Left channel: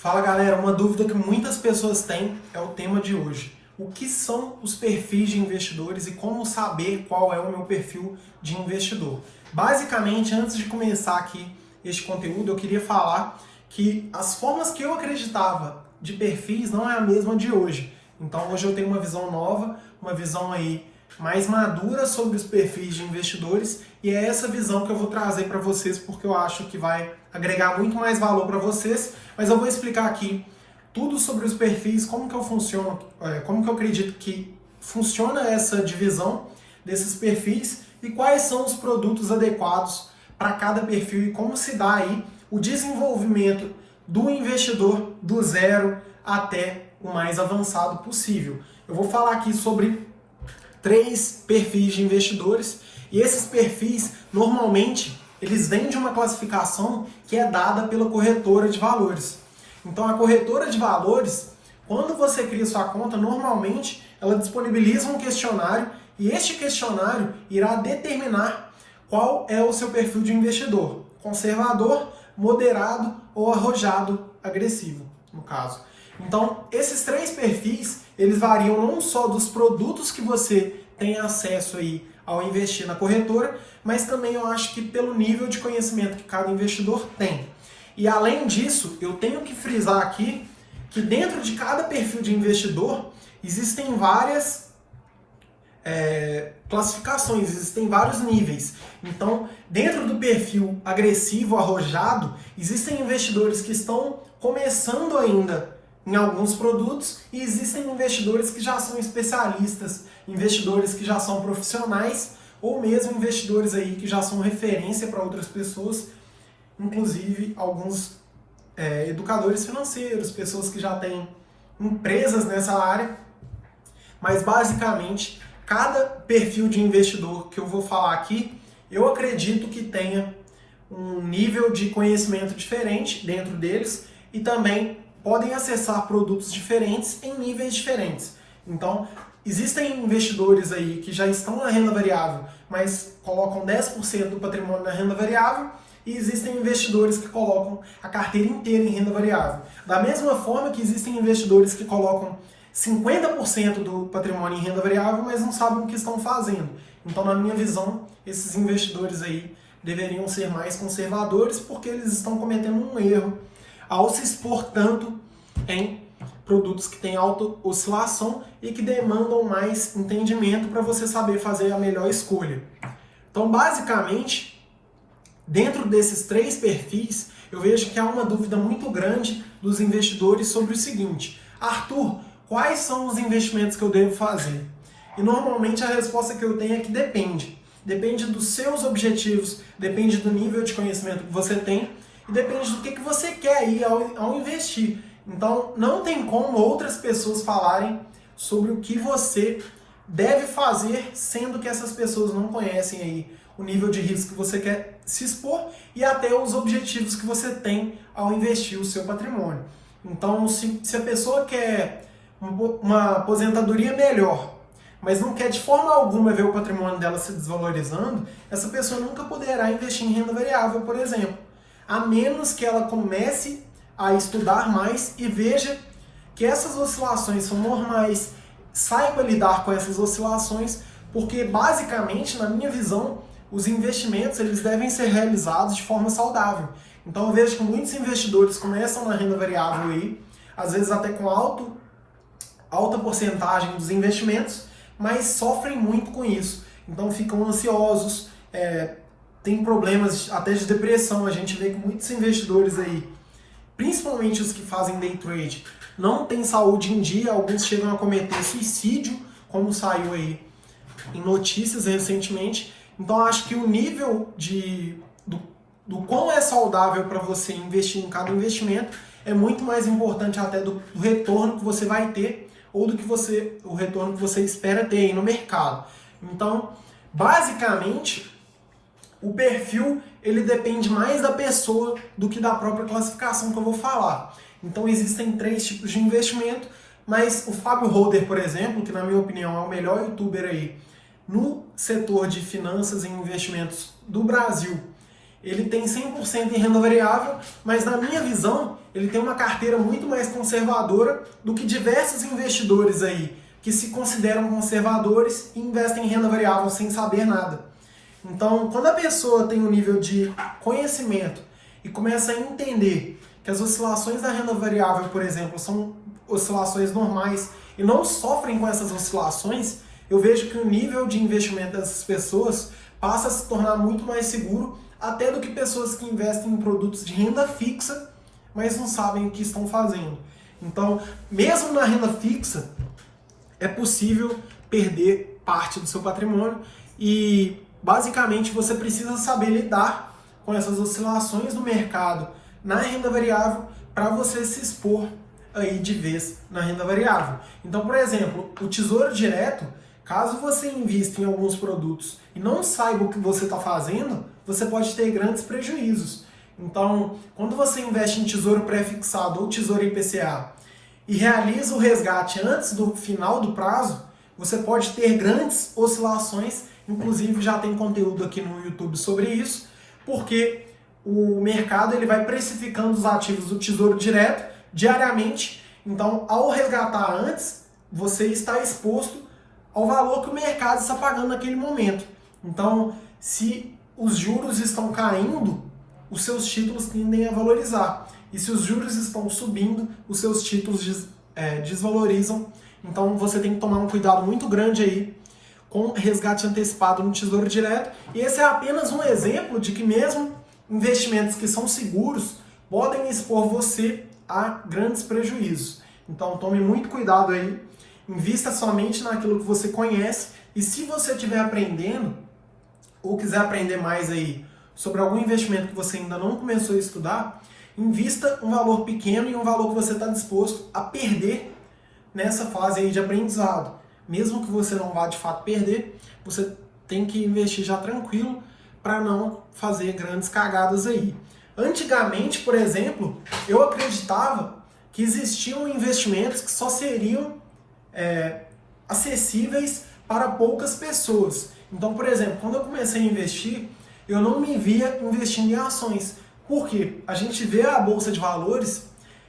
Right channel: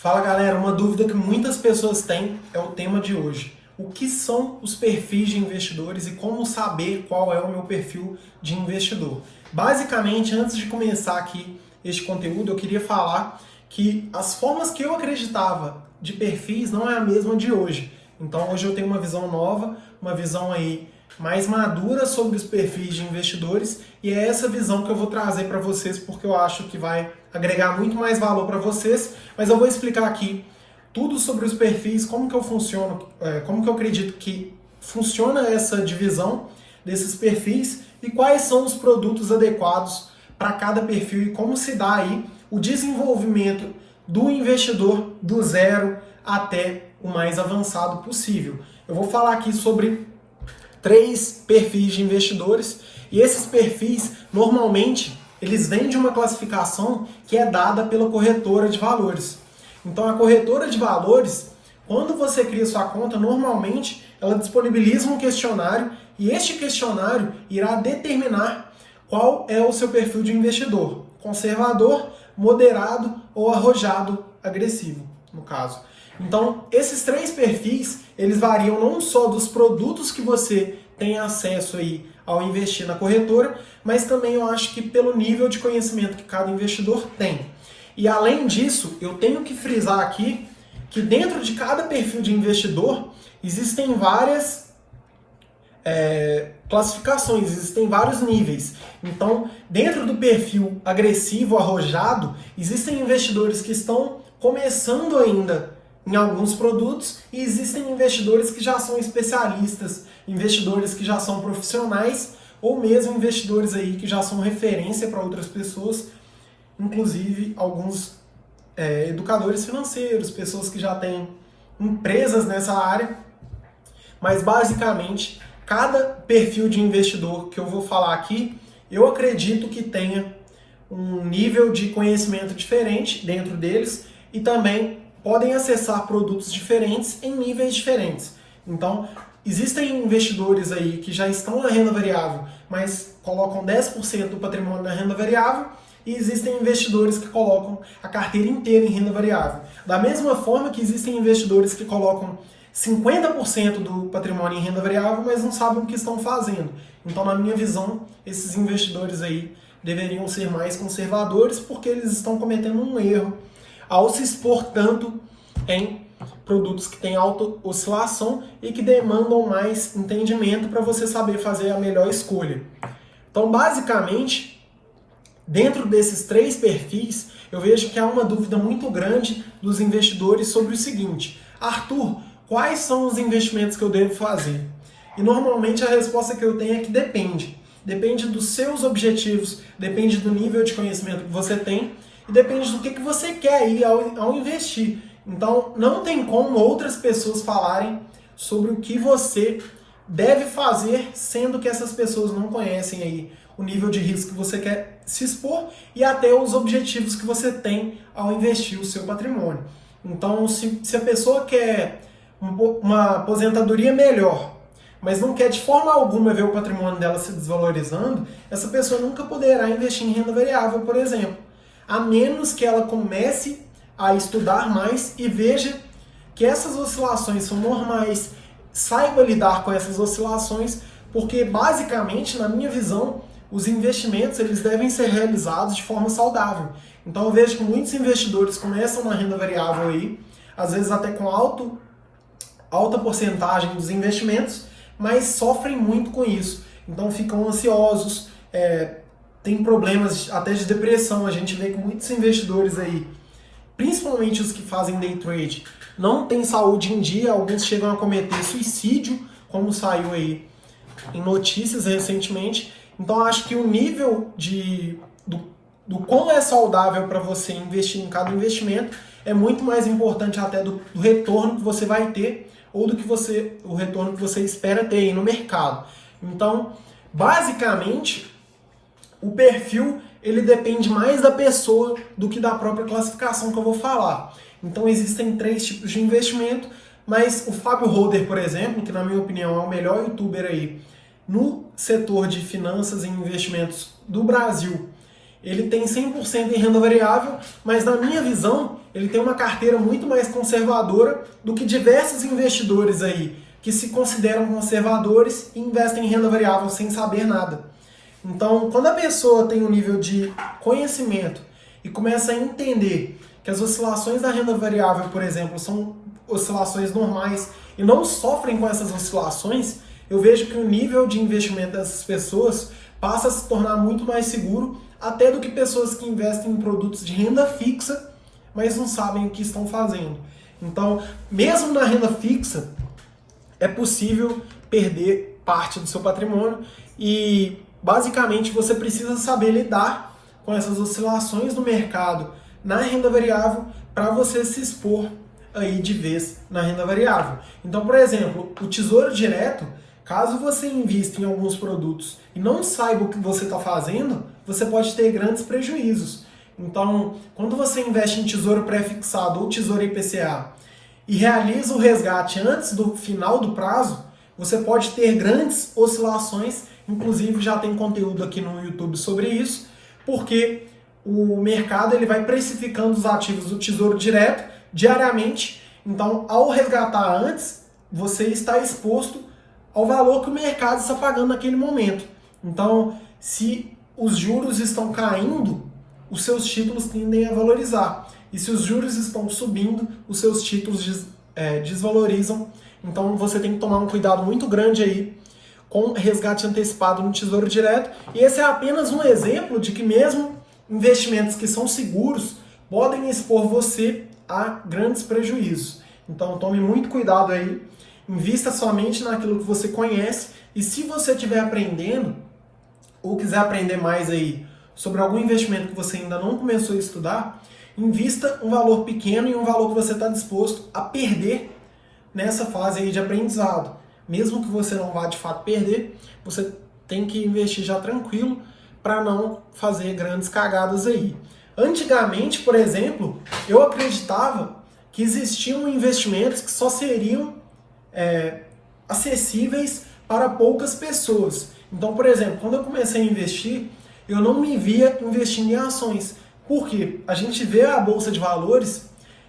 Fala galera, uma dúvida que muitas pessoas têm é o tema de hoje. O que são os perfis de investidores e como saber qual é o meu perfil de investidor? Basicamente, antes de começar aqui este conteúdo, eu queria falar que as formas que eu acreditava de perfis não é a mesma de hoje. Então hoje eu tenho uma visão nova, uma visão aí mais madura sobre os perfis de investidores, e é essa visão que eu vou trazer para vocês porque eu acho que vai agregar muito mais valor para vocês. Mas eu vou explicar aqui tudo sobre os perfis, como que eu funciono, como que eu acredito que funciona essa divisão desses perfis e quais são os produtos adequados para cada perfil e como se dá aí o desenvolvimento do investidor do zero até o mais avançado possível. Eu vou falar aqui sobre 3 perfis de investidores e esses perfis, normalmente, eles vêm de uma classificação que é dada pela corretora de valores. Então, a corretora de valores, quando você cria sua conta, normalmente ela disponibiliza um questionário e este questionário irá determinar qual é o seu perfil de investidor: conservador, moderado ou arrojado agressivo, no caso. Então, esses 3 perfis, eles variam não só dos produtos que você tem acesso aí ao investir na corretora, mas também eu acho que pelo nível de conhecimento que cada investidor tem. E além disso, eu tenho que frisar aqui que dentro de cada perfil de investidor existem várias classificações, existem vários níveis. Então, dentro do perfil agressivo, arrojado, existem investidores que estão começando ainda em alguns produtos e existem investidores que já são especialistas, investidores que já são profissionais ou mesmo investidores aí que já são referência para outras pessoas, inclusive alguns educadores financeiros, pessoas que já têm empresas nessa área. Mas basicamente, cada perfil de investidor que eu vou falar aqui, eu acredito que tenha um nível de conhecimento diferente dentro deles e também podem acessar produtos diferentes em níveis diferentes. Então, existem investidores aí que já estão na renda variável, mas colocam 10% do patrimônio na renda variável, e existem investidores que colocam a carteira inteira em renda variável. Da mesma forma que existem investidores que colocam 50% do patrimônio em renda variável, mas não sabem o que estão fazendo. Então, na minha visão, esses investidores aí deveriam ser mais conservadores porque eles estão cometendo um erro ao se expor tanto em produtos que têm alta oscilação e que demandam mais entendimento para você saber fazer a melhor escolha. Então, basicamente, dentro desses 3 perfis, eu vejo que há uma dúvida muito grande dos investidores sobre o seguinte: Arthur, quais são os investimentos que eu devo fazer? E normalmente a resposta que eu tenho é que depende. Depende dos seus objetivos, depende do nível de conhecimento que você tem e depende do que você quer aí ao investir. Então, não tem como outras pessoas falarem sobre o que você deve fazer, sendo que essas pessoas não conhecem aí o nível de risco que você quer se expor e até os objetivos que você tem ao investir o seu patrimônio. Então, se a pessoa quer uma aposentadoria melhor, mas não quer de forma alguma ver o patrimônio dela se desvalorizando, essa pessoa nunca poderá investir em renda variável, por exemplo, a menos que ela comece a estudar mais e veja que essas oscilações são normais, saiba lidar com essas oscilações, porque basicamente, na minha visão, os investimentos eles devem ser realizados de forma saudável. Então eu vejo que muitos investidores começam na renda variável aí, às vezes até com alta porcentagem dos investimentos, mas sofrem muito com isso. Então ficam ansiosos, tem problemas até de depressão. A gente vê que muitos investidores aí, principalmente os que fazem day trade, não têm saúde em dia, alguns chegam a cometer suicídio, como saiu aí em notícias recentemente. Então acho que o nível do quão é saudável para você investir em cada investimento é muito mais importante até do retorno que você vai ter ou do que o retorno que você espera ter aí no mercado. Então, basicamente, o perfil ele depende mais da pessoa do que da própria classificação que eu vou falar. Então existem 3 tipos de investimento, mas o Fábio Holder, por exemplo, que na minha opinião é o melhor youtuber aí no setor de finanças e investimentos do Brasil, ele tem 100% em renda variável, mas na minha visão, ele tem uma carteira muito mais conservadora do que diversos investidores aí que se consideram conservadores e investem em renda variável sem saber nada. Então, quando a pessoa tem um nível de conhecimento e começa a entender que as oscilações da renda variável, por exemplo, são oscilações normais e não sofrem com essas oscilações, eu vejo que o nível de investimento dessas pessoas passa a se tornar muito mais seguro, até do que pessoas que investem em produtos de renda fixa, mas não sabem o que estão fazendo. Então, mesmo na renda fixa, é possível perder parte do seu patrimônio e, basicamente, você precisa saber lidar com essas oscilações do mercado na renda variável para você se expor aí de vez na renda variável. Então, por exemplo, o Tesouro Direto, caso você invista em alguns produtos e não saiba o que você está fazendo, você pode ter grandes prejuízos. Então, quando você investe em Tesouro Pré-fixado ou Tesouro IPCA e realiza o resgate antes do final do prazo, você pode ter grandes oscilações. Inclusive, já tem conteúdo aqui no YouTube sobre isso, porque o mercado ele vai precificando os ativos do Tesouro Direto diariamente. Então, ao resgatar antes, você está exposto ao valor que o mercado está pagando naquele momento. Então, se os juros estão caindo, os seus títulos tendem a valorizar. E se os juros estão subindo, os seus títulos desvalorizam. Então, você tem que tomar um cuidado muito grande aí com resgate antecipado no Tesouro Direto. E esse é apenas um exemplo de que mesmo investimentos que são seguros podem expor você a grandes prejuízos. Então, tome muito cuidado aí. Invista somente naquilo que você conhece. E se você estiver aprendendo ou quiser aprender mais aí sobre algum investimento que você ainda não começou a estudar, invista um valor pequeno e um valor que você está disposto a perder nessa fase aí de aprendizado. Mesmo que você não vá de fato perder, você tem que investir já tranquilo para não fazer grandes cagadas aí. Antigamente, por exemplo, eu acreditava que existiam investimentos que só seriam acessíveis para poucas pessoas. Então, por exemplo, quando eu comecei a investir, eu não me via investindo em ações. Por quê? A gente vê a Bolsa de Valores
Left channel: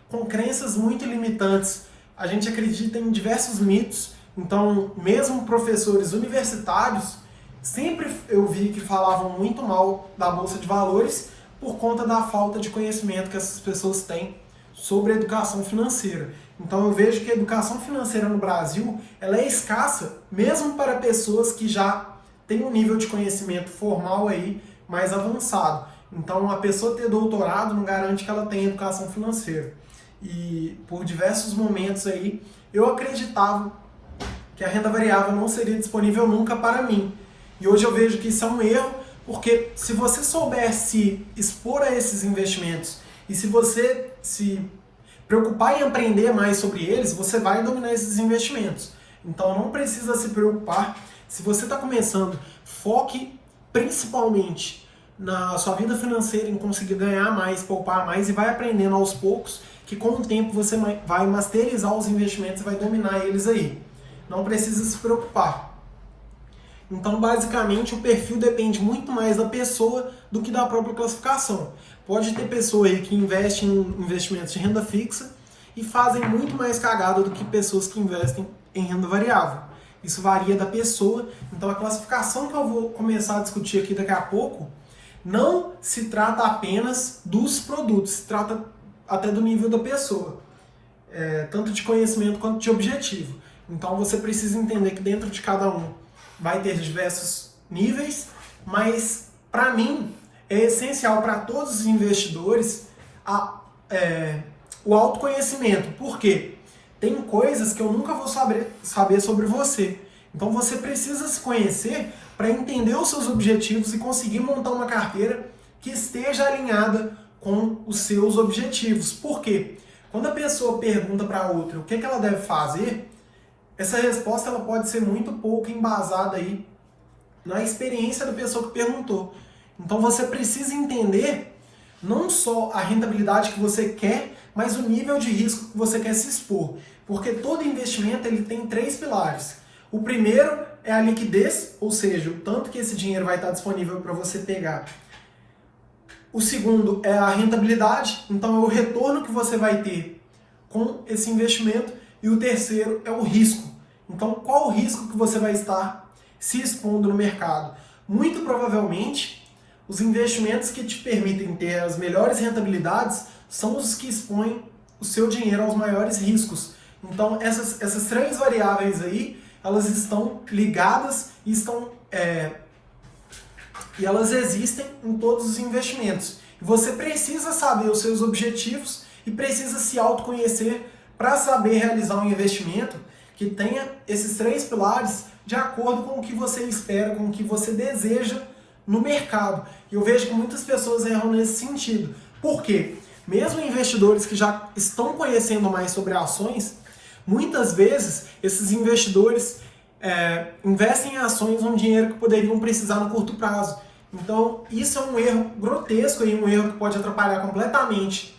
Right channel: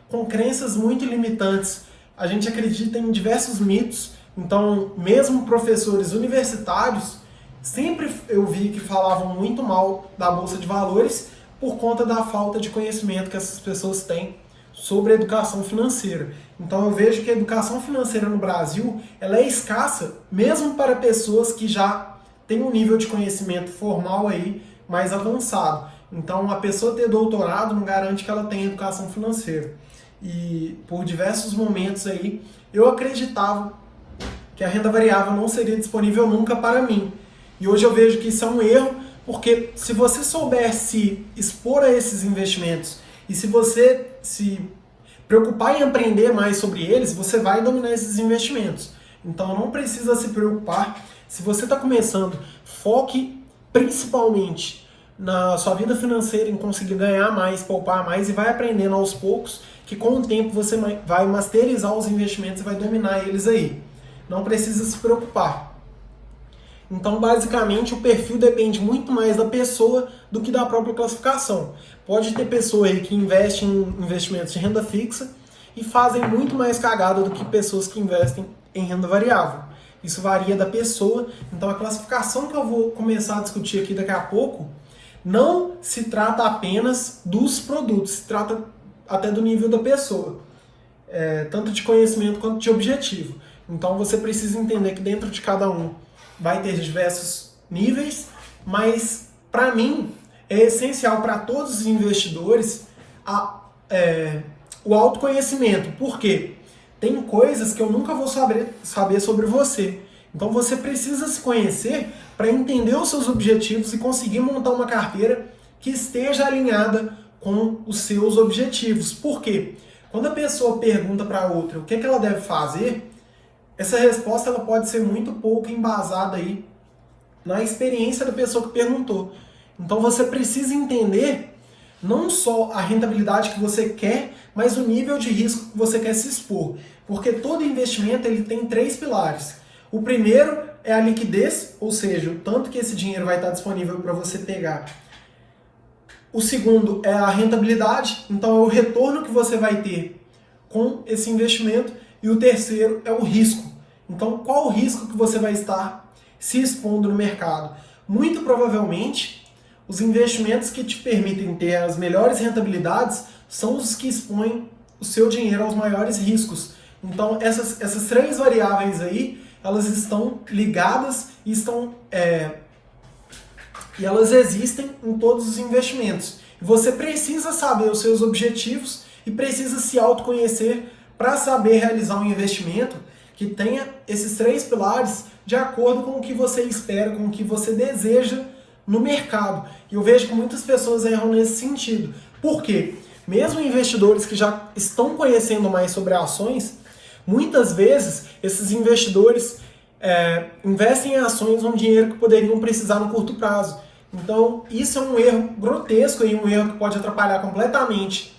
com crenças muito limitantes. A gente acredita em diversos mitos. Então, mesmo professores universitários, sempre eu vi que falavam muito mal da Bolsa de Valores por conta da falta de conhecimento que essas pessoas têm sobre a educação financeira. Então, eu vejo que a educação financeira no Brasil ela é escassa, mesmo para pessoas que já têm um nível de conhecimento formal aí mais avançado. Então, a pessoa ter doutorado não garante que ela tenha educação financeira. E por diversos momentos aí, eu acreditava que a renda variável não seria disponível nunca para mim. E hoje eu vejo que isso é um erro, porque se você souber se expor a esses investimentos e se você se preocupar em aprender mais sobre eles, você vai dominar esses investimentos. Então não precisa se preocupar. Se você está começando, foque principalmente na sua vida financeira, em conseguir ganhar mais, poupar mais e vai aprendendo aos poucos, que com o tempo você vai masterizar os investimentos e vai dominar eles aí. Não precisa se preocupar. Então, basicamente, o perfil depende muito mais da pessoa do que da própria classificação. Pode ter pessoa aí que investe em investimentos de renda fixa e fazem muito mais cagada do que pessoas que investem em renda variável. Isso varia da pessoa. Então, a classificação que eu vou começar a discutir aqui daqui a pouco não se trata apenas dos produtos, se trata até do nível da pessoa, tanto de conhecimento quanto de objetivo. Então, você precisa entender que dentro de cada um vai ter diversos níveis, mas, para mim, é essencial para todos os investidores o autoconhecimento. Por quê? Tem coisas que eu nunca vou saber sobre você. Então, você precisa se conhecer para entender os seus objetivos e conseguir montar uma carteira que esteja alinhada com os seus objetivos. Por quê? Quando a pessoa pergunta para a outra o que ela deve fazer, essa resposta ela pode ser muito pouco embasada aí na experiência da pessoa que perguntou. Então você precisa entender não só a rentabilidade que você quer, mas o nível de risco que você quer se expor. Porque todo investimento ele tem 3 pilares. O primeiro é a liquidez, ou seja, o tanto que esse dinheiro vai estar disponível para você pegar O segundo é a rentabilidade, então é o retorno que você vai ter com esse investimento. E o terceiro é o risco. Então, qual o risco que você vai estar se expondo no mercado? Muito provavelmente, os investimentos que te permitem ter as melhores rentabilidades são os que expõem o seu dinheiro aos maiores riscos. Então, essas três variáveis aí, elas estão ligadas e e elas existem em todos os investimentos. E você precisa saber os seus objetivos e precisa se autoconhecer para saber realizar um investimento que tenha esses três pilares de acordo com o que você espera, com o que você deseja no mercado. E eu vejo que muitas pessoas erram nesse sentido. Por quê? Mesmo investidores que já estão conhecendo mais sobre ações, muitas vezes esses investidores investem em ações um dinheiro que poderiam precisar no curto prazo. Então, isso é um erro grotesco e um erro que pode atrapalhar completamente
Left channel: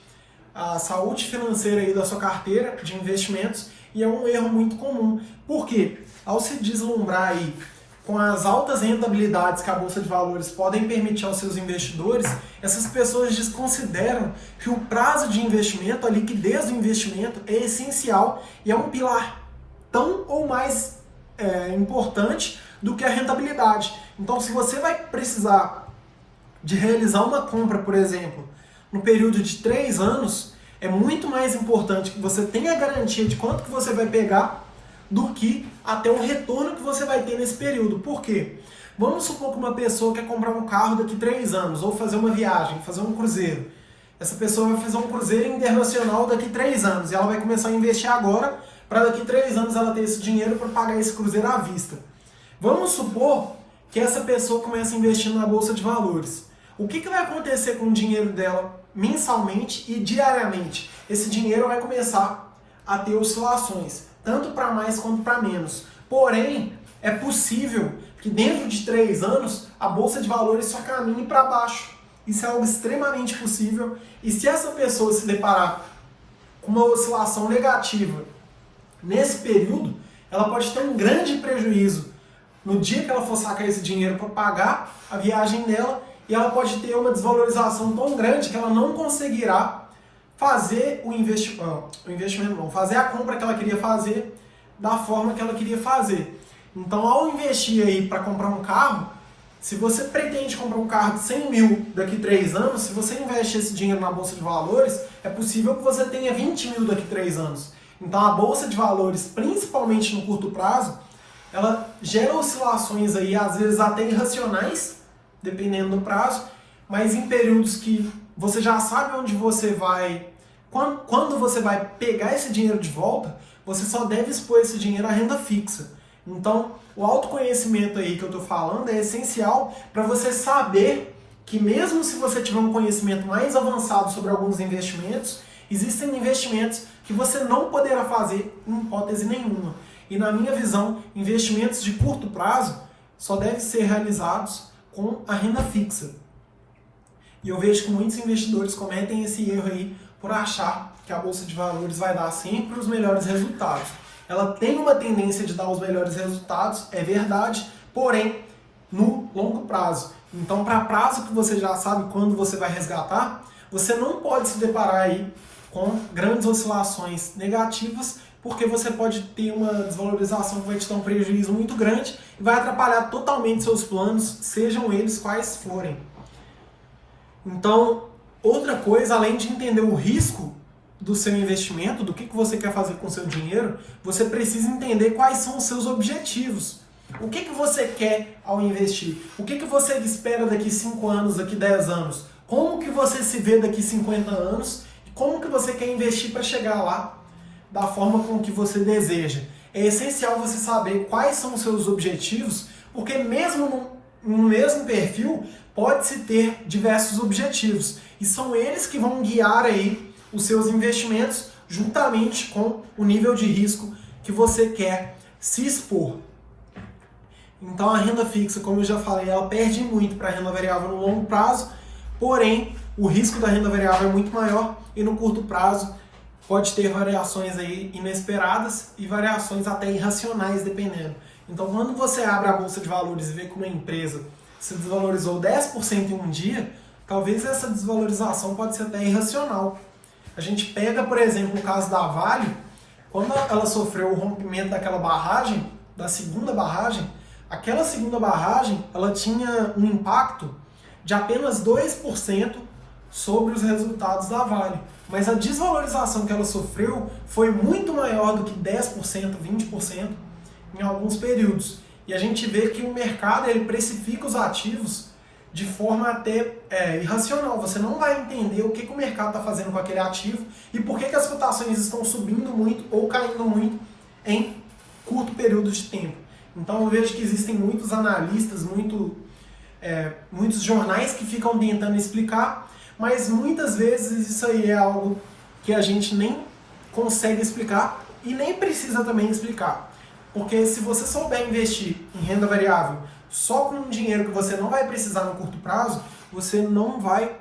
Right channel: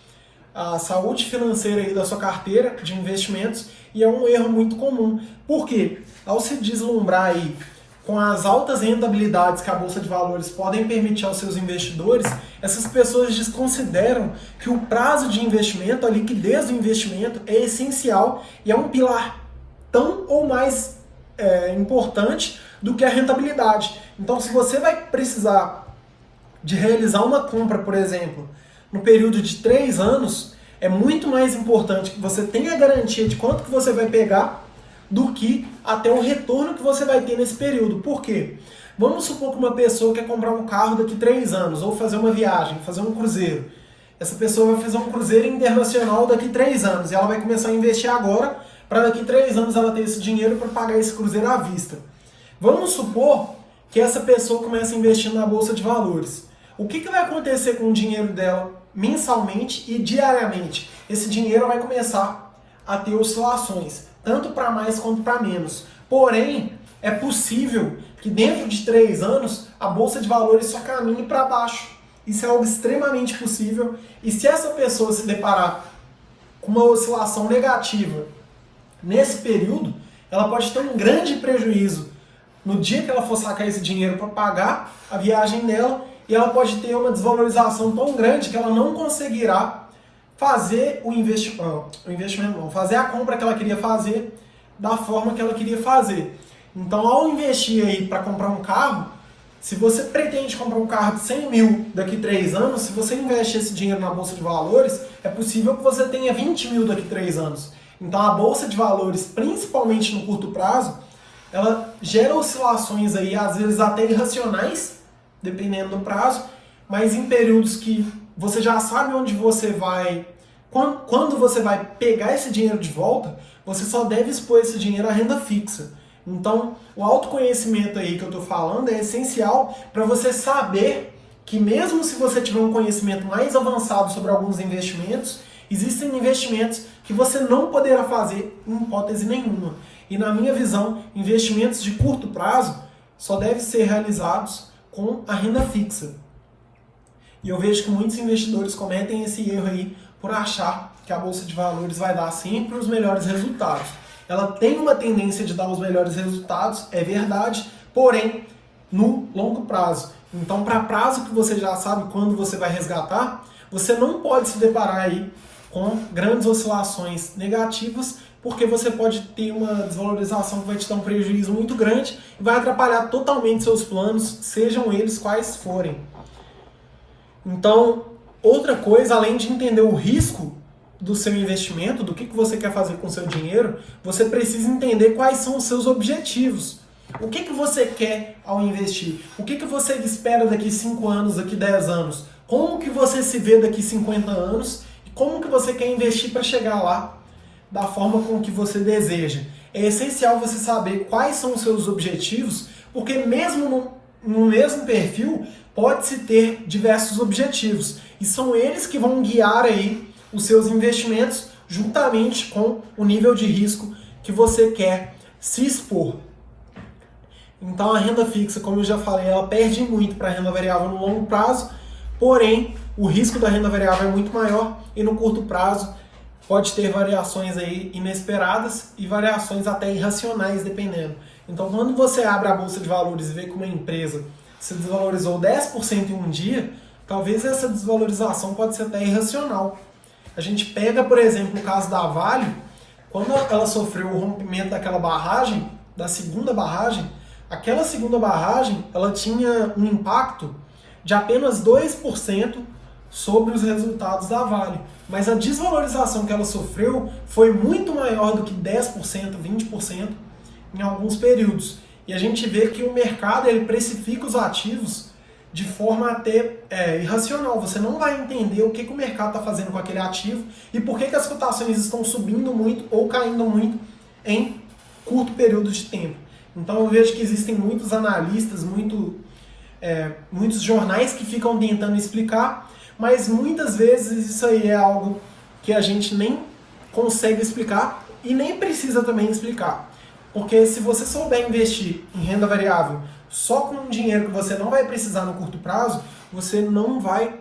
a saúde financeira aí da sua carteira de investimentos, e é um erro muito comum. Por quê? Ao se deslumbrar aí com as altas rentabilidades que a Bolsa de Valores podem permitir aos seus investidores, essas pessoas desconsideram que o prazo de investimento, a liquidez do investimento, é essencial e é um pilar tão ou mais importante do que a rentabilidade. Então, se você vai precisar de realizar uma compra, por exemplo, no período de 3 anos, é muito mais importante que você tenha a garantia de quanto que você vai pegar do que até o retorno que você vai ter nesse período. Por quê? Vamos supor que uma pessoa quer comprar um carro daqui 3 anos, ou fazer uma viagem, fazer um cruzeiro. Essa pessoa vai fazer um cruzeiro internacional daqui 3 anos, e ela vai começar a investir agora, para daqui 3 anos ela ter esse dinheiro para pagar esse cruzeiro à vista. Vamos supor que essa pessoa comece a investir na Bolsa de Valores. O que vai acontecer com o dinheiro dela mensalmente e diariamente? Esse dinheiro vai começar a ter oscilações, tanto para mais quanto para menos. Porém, é possível que dentro de 3 anos a Bolsa de Valores só caminhe para baixo. Isso é algo extremamente possível, e se essa pessoa se deparar com uma oscilação negativa nesse período, ela pode ter um grande prejuízo no dia que ela for sacar esse dinheiro para pagar a viagem dela, e ela pode ter uma desvalorização tão grande que ela não conseguirá fazer fazer a compra que ela queria fazer da forma que ela queria fazer. Então, ao investir aí para comprar um carro, se você pretende comprar um carro de 100 mil daqui 3 anos, se você investe esse dinheiro na Bolsa de Valores, é possível que você tenha 20 mil daqui 3 anos. Então, a Bolsa de Valores, principalmente no curto prazo, ela gera oscilações aí, às vezes até irracionais, dependendo do prazo, mas em períodos que você já sabe onde você vai, quando você vai pegar esse dinheiro de volta, você só deve expor esse dinheiro à renda fixa. Então, o autoconhecimento aí que eu estou falando é essencial para você saber que mesmo se você tiver um conhecimento mais avançado sobre alguns investimentos, existem investimentos que você não poderá fazer em hipótese nenhuma. E na minha visão, investimentos de curto prazo só devem ser realizados com a renda fixa. E eu vejo que muitos investidores cometem esse erro aí por achar que a Bolsa de Valores vai dar sempre os melhores resultados. Ela tem uma tendência de dar os melhores resultados, é verdade, porém, no longo prazo. Então, para prazo que você já sabe quando você vai resgatar, você não pode se deparar aí com grandes oscilações negativas, porque você pode ter uma desvalorização que vai te dar um prejuízo muito grande e vai atrapalhar totalmente seus planos, sejam eles quais forem. Então, outra coisa, além de entender o risco do seu investimento, do que você quer fazer com o seu dinheiro, você precisa entender quais são os seus objetivos. O que você quer ao investir? O que você espera daqui 5 anos, daqui 10 anos? Como que você se vê daqui 50 anos? E como que você quer investir para chegar lá da forma com que você deseja? É essencial você saber quais são os seus objetivos, porque mesmo no mesmo perfil, pode-se ter diversos objetivos. E são eles que vão guiar aí os seus investimentos juntamente com o nível de risco que você quer se expor. Então a renda fixa, como eu já falei, ela perde muito para a renda variável no longo prazo, porém o risco da renda variável é muito maior e no curto prazo pode ter variações aí inesperadas e variações até irracionais, dependendo. Então quando você abre a Bolsa de Valores e vê que uma empresa se desvalorizou 10% em um dia, talvez essa desvalorização pode ser até irracional. A gente pega, por exemplo, o caso da Vale, quando ela sofreu o rompimento daquela barragem, da segunda barragem, aquela segunda barragem ela tinha um impacto de apenas 2% sobre os resultados da Vale. Mas a desvalorização que ela sofreu foi muito maior do que 10%, 20% em alguns períodos. E a gente vê que o mercado ele precifica os ativos de forma até irracional. Você não vai entender o que o mercado está fazendo com aquele ativo e por que as cotações estão subindo muito ou caindo muito em curto período de tempo. Então eu vejo que existem muitos analistas, muitos jornais que ficam tentando explicar, mas muitas vezes isso aí é algo que a gente nem consegue explicar e nem precisa também explicar. Porque se você souber investir em renda variável só com um dinheiro que você não vai precisar no curto prazo, você não vai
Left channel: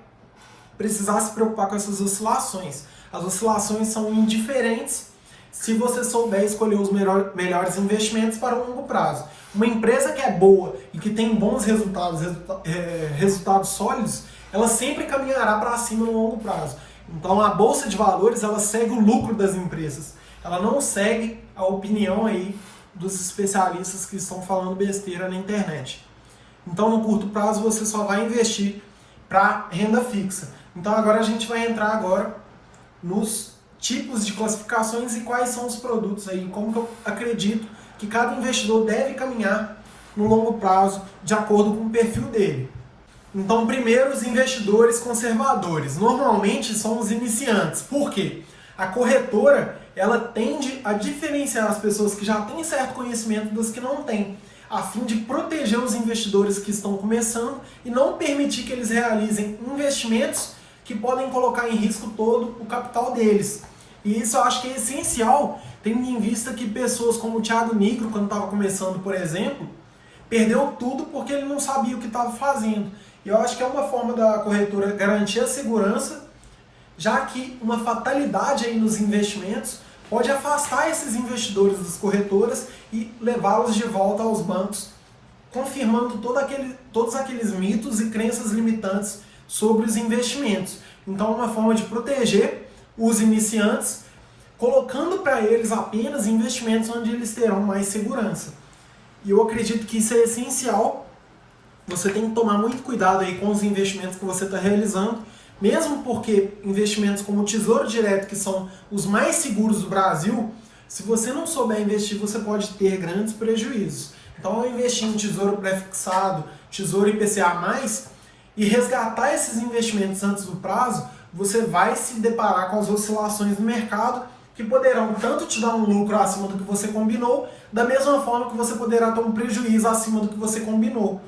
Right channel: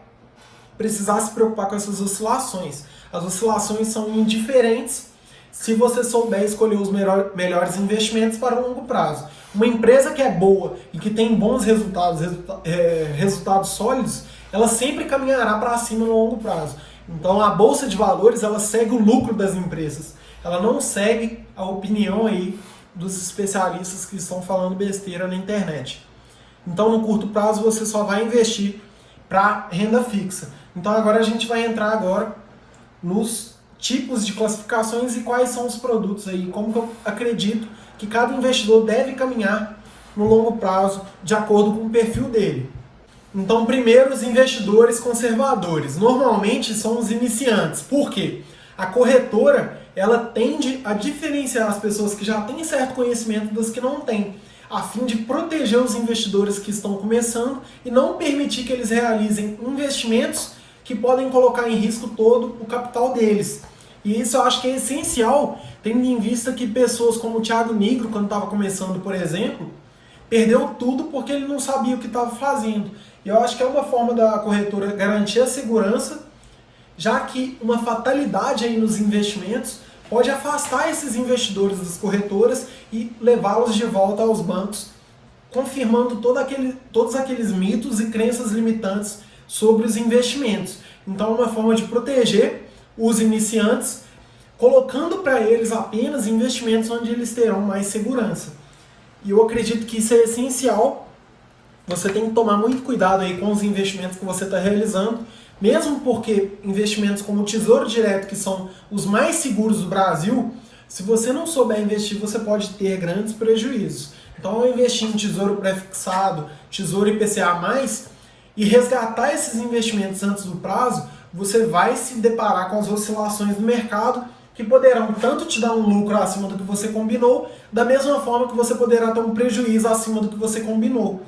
precisar se preocupar com essas oscilações. As oscilações são indiferentes se você souber escolher os melhores investimentos para o longo prazo. Uma empresa que é boa e que tem bons resultados sólidos, ela sempre caminhará para cima no longo prazo. Então a Bolsa de Valores ela segue o lucro das empresas. Ela não segue a opinião aí dos especialistas que estão falando besteira na internet. Então no curto prazo você só vai investir para renda fixa. Então agora a gente vai entrar agora nos tipos de classificações e quais são os produtos aí, como que eu acredito que cada investidor deve caminhar no longo prazo de acordo com o perfil dele. Então, primeiro, os investidores conservadores. Normalmente são os iniciantes. Por quê? A corretora, ela tende a diferenciar as pessoas que já têm certo conhecimento das que não têm, a fim de proteger os investidores que estão começando e não permitir que eles realizem investimentos que podem colocar em risco todo o capital deles. E isso eu acho que é essencial, tendo em vista que pessoas como o Thiago Nigro, quando estava começando, por exemplo, perdeu tudo porque ele não sabia o que estava fazendo. E eu acho que é uma forma da corretora garantir a segurança, já que uma fatalidade aí nos investimentos pode afastar esses investidores das corretoras e levá-los de volta aos bancos, confirmando todos aqueles mitos e crenças limitantes sobre os investimentos. Então é uma forma de proteger os iniciantes, colocando para eles apenas investimentos onde eles terão mais segurança. E eu acredito que isso é essencial. Você tem que tomar muito cuidado aí com os investimentos que você está realizando, mesmo porque investimentos como o Tesouro Direto, que são os mais seguros do Brasil, se você não souber investir, você pode ter grandes prejuízos. Então, ao investir em Tesouro Prefixado, Tesouro IPCA+, e resgatar esses investimentos antes do prazo, você vai se deparar com as oscilações do mercado, que poderão tanto te dar um lucro acima do que você combinou, da mesma forma que você poderá ter um prejuízo acima do que você combinou.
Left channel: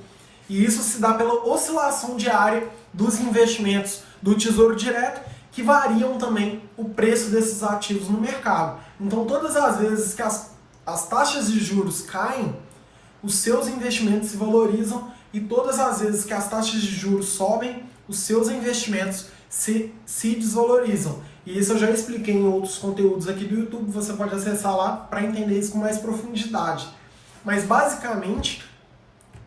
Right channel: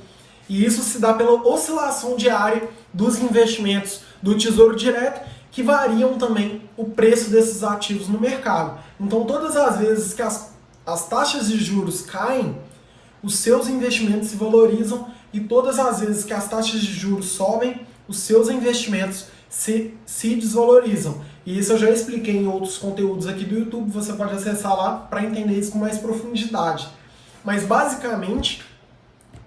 E isso se dá pela oscilação diária dos investimentos do Tesouro Direto, que variam também o preço desses ativos no mercado. Então, todas as vezes que as taxas de juros caem, os seus investimentos se valorizam, e todas as vezes que as taxas de juros sobem, os seus investimentos se desvalorizam. E isso eu já expliquei em outros conteúdos aqui do YouTube, você pode acessar lá para entender isso com mais profundidade. Mas basicamente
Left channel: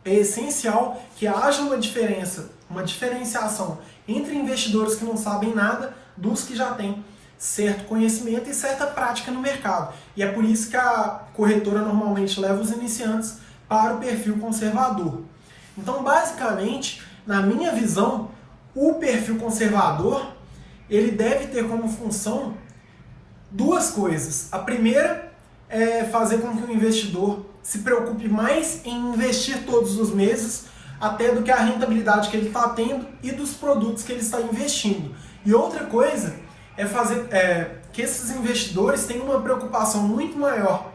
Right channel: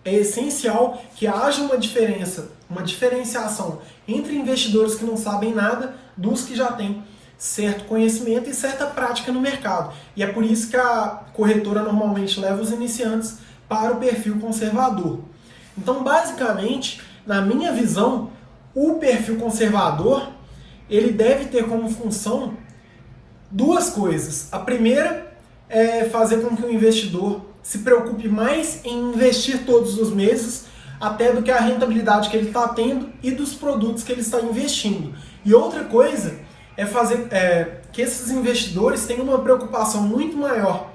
é essencial que haja uma diferenciação entre investidores que não sabem nada dos que já têm certo conhecimento e certa prática no mercado. E é por isso que a corretora normalmente leva os iniciantes para o perfil conservador. Então, basicamente, na minha visão, o perfil conservador ele deve ter como função duas coisas. A primeira é fazer com que o investidor se preocupe mais em investir todos os meses, até do que a rentabilidade que ele está tendo e dos produtos que ele está investindo. E outra coisa é fazer que esses investidores tenham uma preocupação muito maior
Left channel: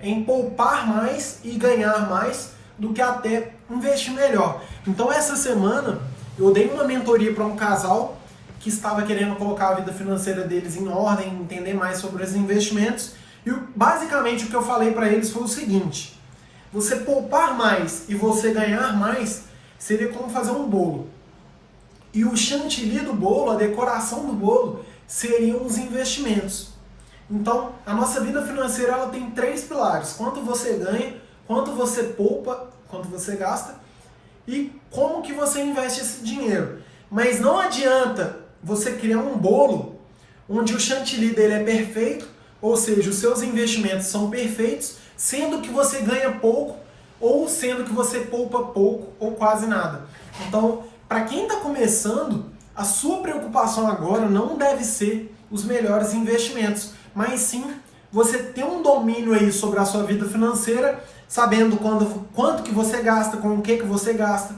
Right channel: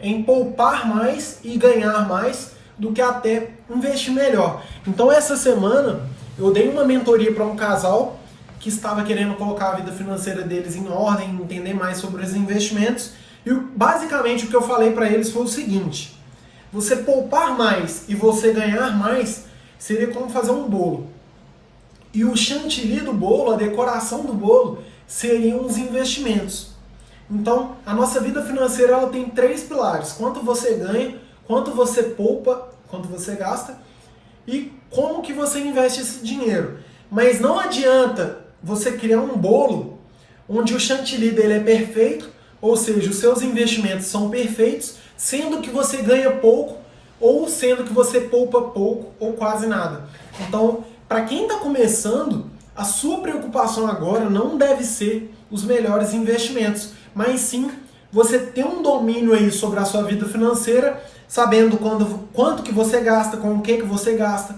em poupar mais e ganhar mais do que até investir melhor. Então essa semana eu dei uma mentoria para um casal que estava querendo colocar a vida financeira deles em ordem, entender mais sobre os investimentos. E basicamente o que eu falei para eles foi o seguinte: você poupar mais e você ganhar mais seria como fazer um bolo. E o chantilly do bolo, a decoração do bolo, seriam os investimentos. Então, a nossa vida financeira ela tem três pilares: quanto você ganha, quanto você poupa, quanto você gasta e como que você investe esse dinheiro. Mas não adianta você criar um bolo onde o chantilly dele é perfeito, ou seja, os seus investimentos são perfeitos, sendo que você ganha pouco, ou sendo que você poupa pouco, ou quase nada. Então, para quem está começando, a sua preocupação agora não deve ser os melhores investimentos, mas sim você ter um domínio aí sobre a sua vida financeira, sabendo quanto que você gasta, com o que você gasta,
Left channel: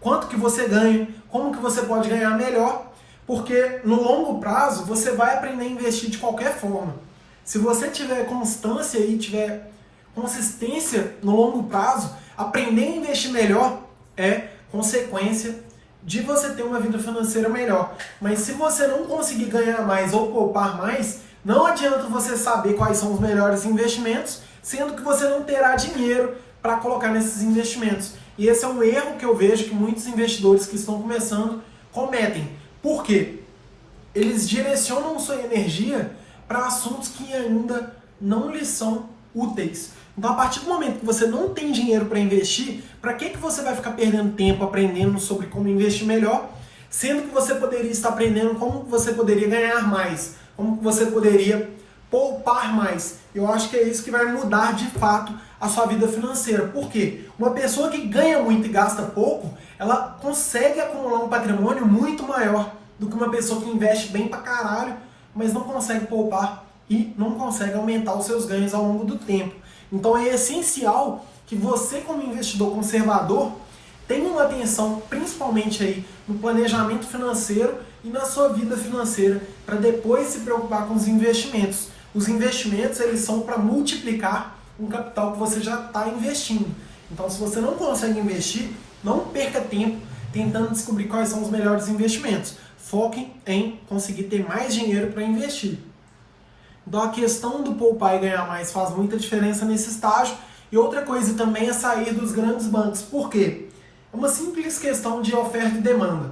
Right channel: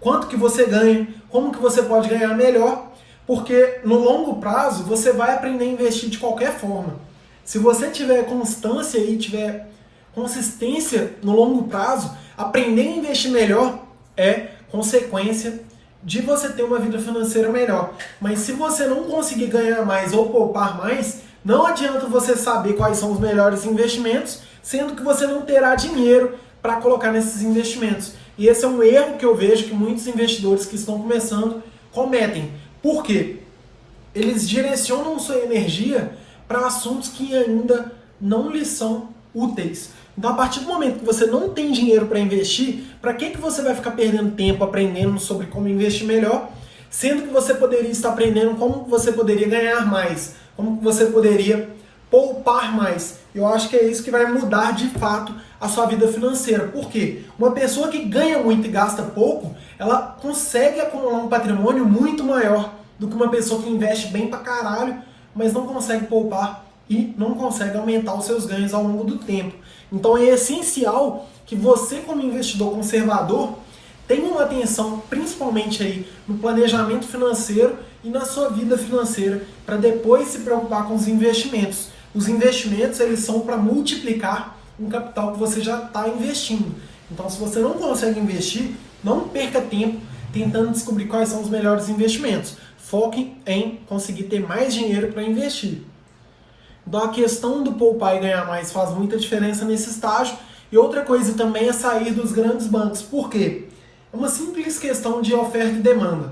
quanto que você ganha, como que você pode ganhar melhor, porque no longo prazo você vai aprender a investir de qualquer forma. Se você tiver constância e tiver consistência no longo prazo, aprender a investir melhor é consequência de você ter uma vida financeira melhor. Mas se você não conseguir ganhar mais ou poupar mais, não adianta você saber quais são os melhores investimentos, sendo que você não terá dinheiro para colocar nesses investimentos. E esse é um erro que eu vejo que muitos investidores que estão começando cometem. Por quê? Eles direcionam sua energia para assuntos que ainda não lhes são úteis. Então, a partir do momento que você não tem dinheiro para investir, para que você vai ficar perdendo tempo aprendendo sobre como investir melhor, sendo que você poderia estar aprendendo como você poderia ganhar mais, como você poderia poupar mais. Eu acho que é isso que vai mudar de fato a sua vida financeira. Por quê? Uma pessoa que ganha muito e gasta pouco, ela consegue acumular um patrimônio muito maior do que uma pessoa que investe bem pra caralho, mas não consegue poupar e não consegue aumentar os seus ganhos ao longo do tempo. Então é essencial que você, como investidor conservador, tenha uma atenção principalmente aí no planejamento financeiro e na sua vida financeira, para depois se preocupar com os investimentos. Os investimentos, eles são para multiplicar um capital que você já está investindo. Então, se você não consegue investir, não perca tempo tentando descobrir quais são os melhores investimentos. Foque em conseguir ter mais dinheiro para investir. Então, a questão do poupar e ganhar mais faz muita diferença nesse estágio. E outra coisa também é sair dos grandes bancos. Por quê? É uma simples questão de oferta e demanda.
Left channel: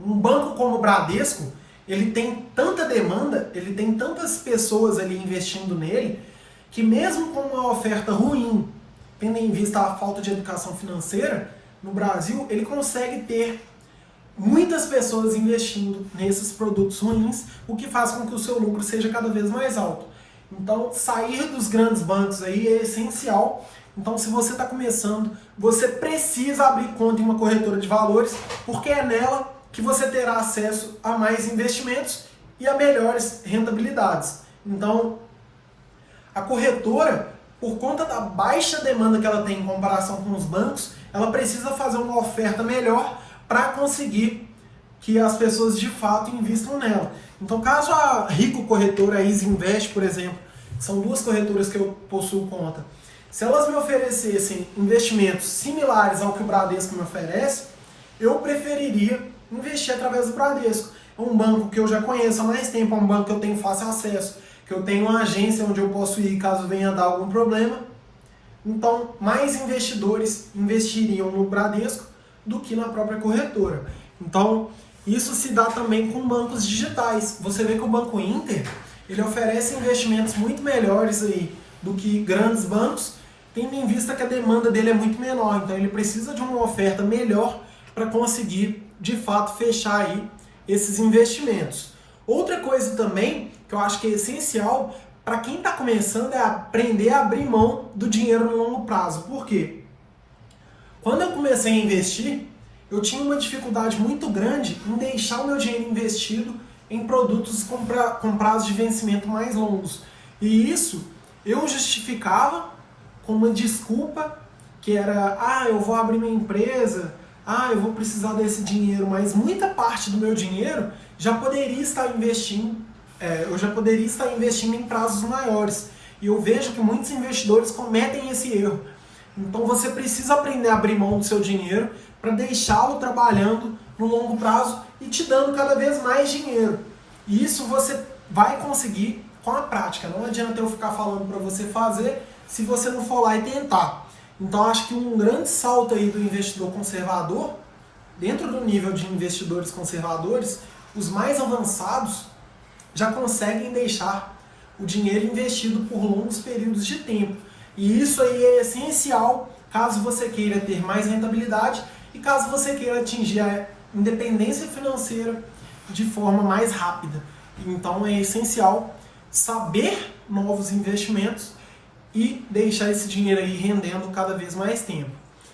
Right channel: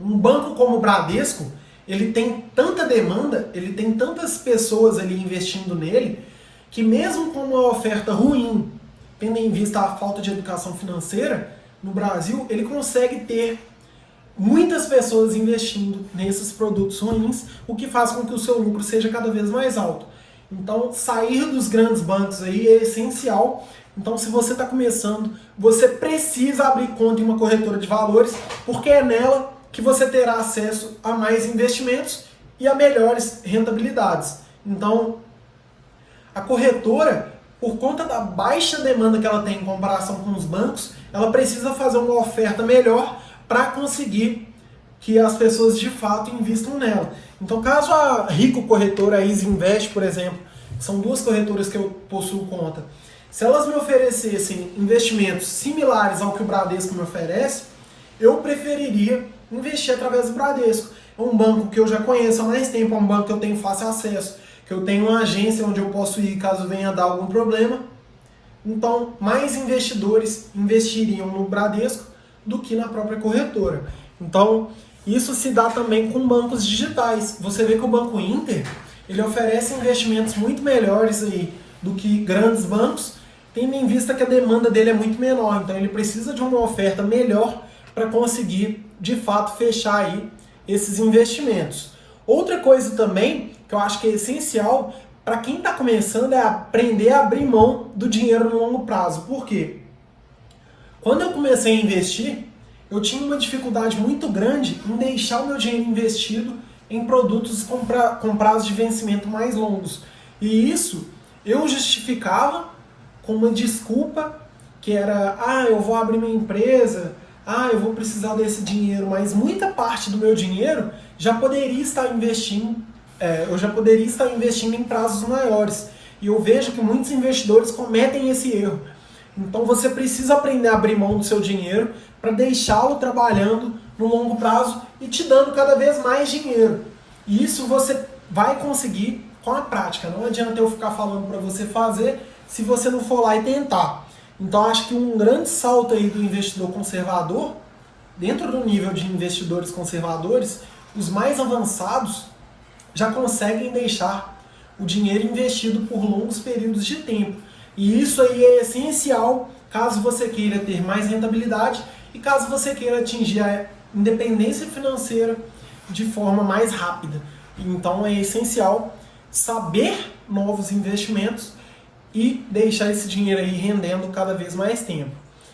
Um banco como o Bradesco, ele tem tanta demanda, ele tem tantas pessoas ali investindo nele, que mesmo com uma oferta ruim, tendo em vista a falta de educação financeira, no Brasil, ele consegue ter muitas pessoas investindo nesses produtos ruins, o que faz com que o seu lucro seja cada vez mais alto. Então, sair dos grandes bancos aí é essencial. Então, se você está começando, você precisa abrir conta em uma corretora de valores, porque é nela que você terá acesso a mais investimentos e a melhores rentabilidades. Então, a corretora, por conta da baixa demanda que ela tem em comparação com os bancos, ela precisa fazer uma oferta melhor para conseguir que as pessoas de fato investam nela. Então, caso a Rico Corretora, a Easy Invest, por exemplo, que são duas corretoras que eu possuo conta, se elas me oferecessem investimentos similares ao que o Bradesco me oferece, eu preferiria investir através do Bradesco. É um banco que eu já conheço há mais tempo, é um banco que eu tenho fácil acesso, que eu tenho uma agência onde eu posso ir caso venha dar algum problema. Então, mais investidores investiriam no Bradesco do que na própria corretora. Então, isso se dá também com bancos digitais. Você vê que o Banco Inter, ele oferece investimentos muito melhores aí do que grandes bancos, tendo em vista que a demanda dele é muito menor. Então, ele precisa de uma oferta melhor para conseguir, de fato, fechar aí esses investimentos. Outra coisa também que eu acho que é essencial para quem está começando é aprender a abrir mão do dinheiro no longo prazo. Por quê? Quando eu comecei a investir, eu tinha uma dificuldade muito grande em deixar o meu dinheiro investido em produtos com prazo de vencimento mais longos. E isso eu justificava com uma desculpa que era, eu vou abrir minha empresa, eu vou precisar desse dinheiro, mas muita parte do meu dinheiro já poderia estar investindo, eu já poderia estar investindo em prazos maiores. E eu vejo que muitos investidores cometem esse erro. Então você precisa aprender a abrir mão do seu dinheiro para deixá-lo trabalhando no longo prazo e te dando cada vez mais dinheiro. E isso você vai conseguir com a prática. Não adianta eu ficar falando para você fazer se você não for lá e tentar. Então acho que um grande salto aí do investidor conservador, dentro do nível de investidores conservadores, os mais avançados já conseguem deixar o dinheiro investido por longos períodos de tempo. E isso aí é essencial caso você queira ter mais rentabilidade e caso você queira atingir independência financeira de forma mais rápida. Então é essencial saber novos investimentos e deixar esse dinheiro aí rendendo cada vez mais tempo.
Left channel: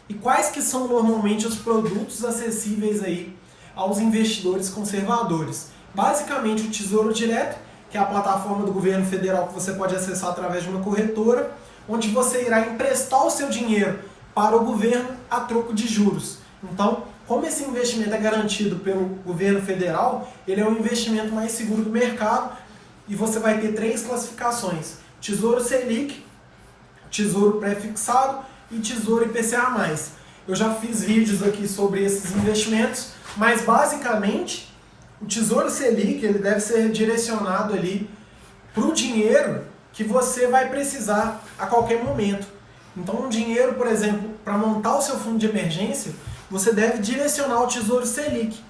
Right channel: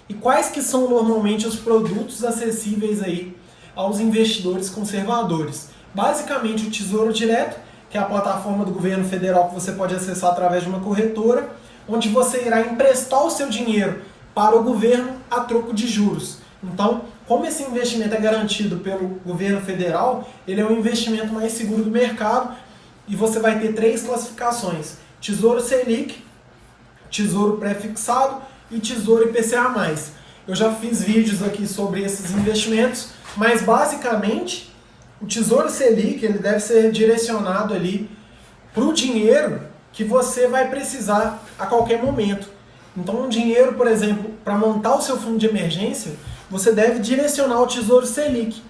E quais que são normalmente os produtos acessíveis aí aos investidores conservadores? Basicamente o Tesouro Direto, que é a plataforma do governo federal que você pode acessar através de uma corretora, onde você irá emprestar o seu dinheiro para o governo a troco de juros. Então, como esse investimento é garantido pelo governo federal, ele é um investimento mais seguro do mercado e você vai ter 3 classificações: Tesouro Selic, Tesouro Pré-fixado e Tesouro IPCA+. Eu já fiz vídeos aqui sobre esses investimentos, mas basicamente o Tesouro Selic ele deve ser direcionado ali para o dinheiro que você vai precisar a qualquer momento. Então, um dinheiro, por exemplo, para montar o seu fundo de emergência, você deve direcionar o Tesouro Selic,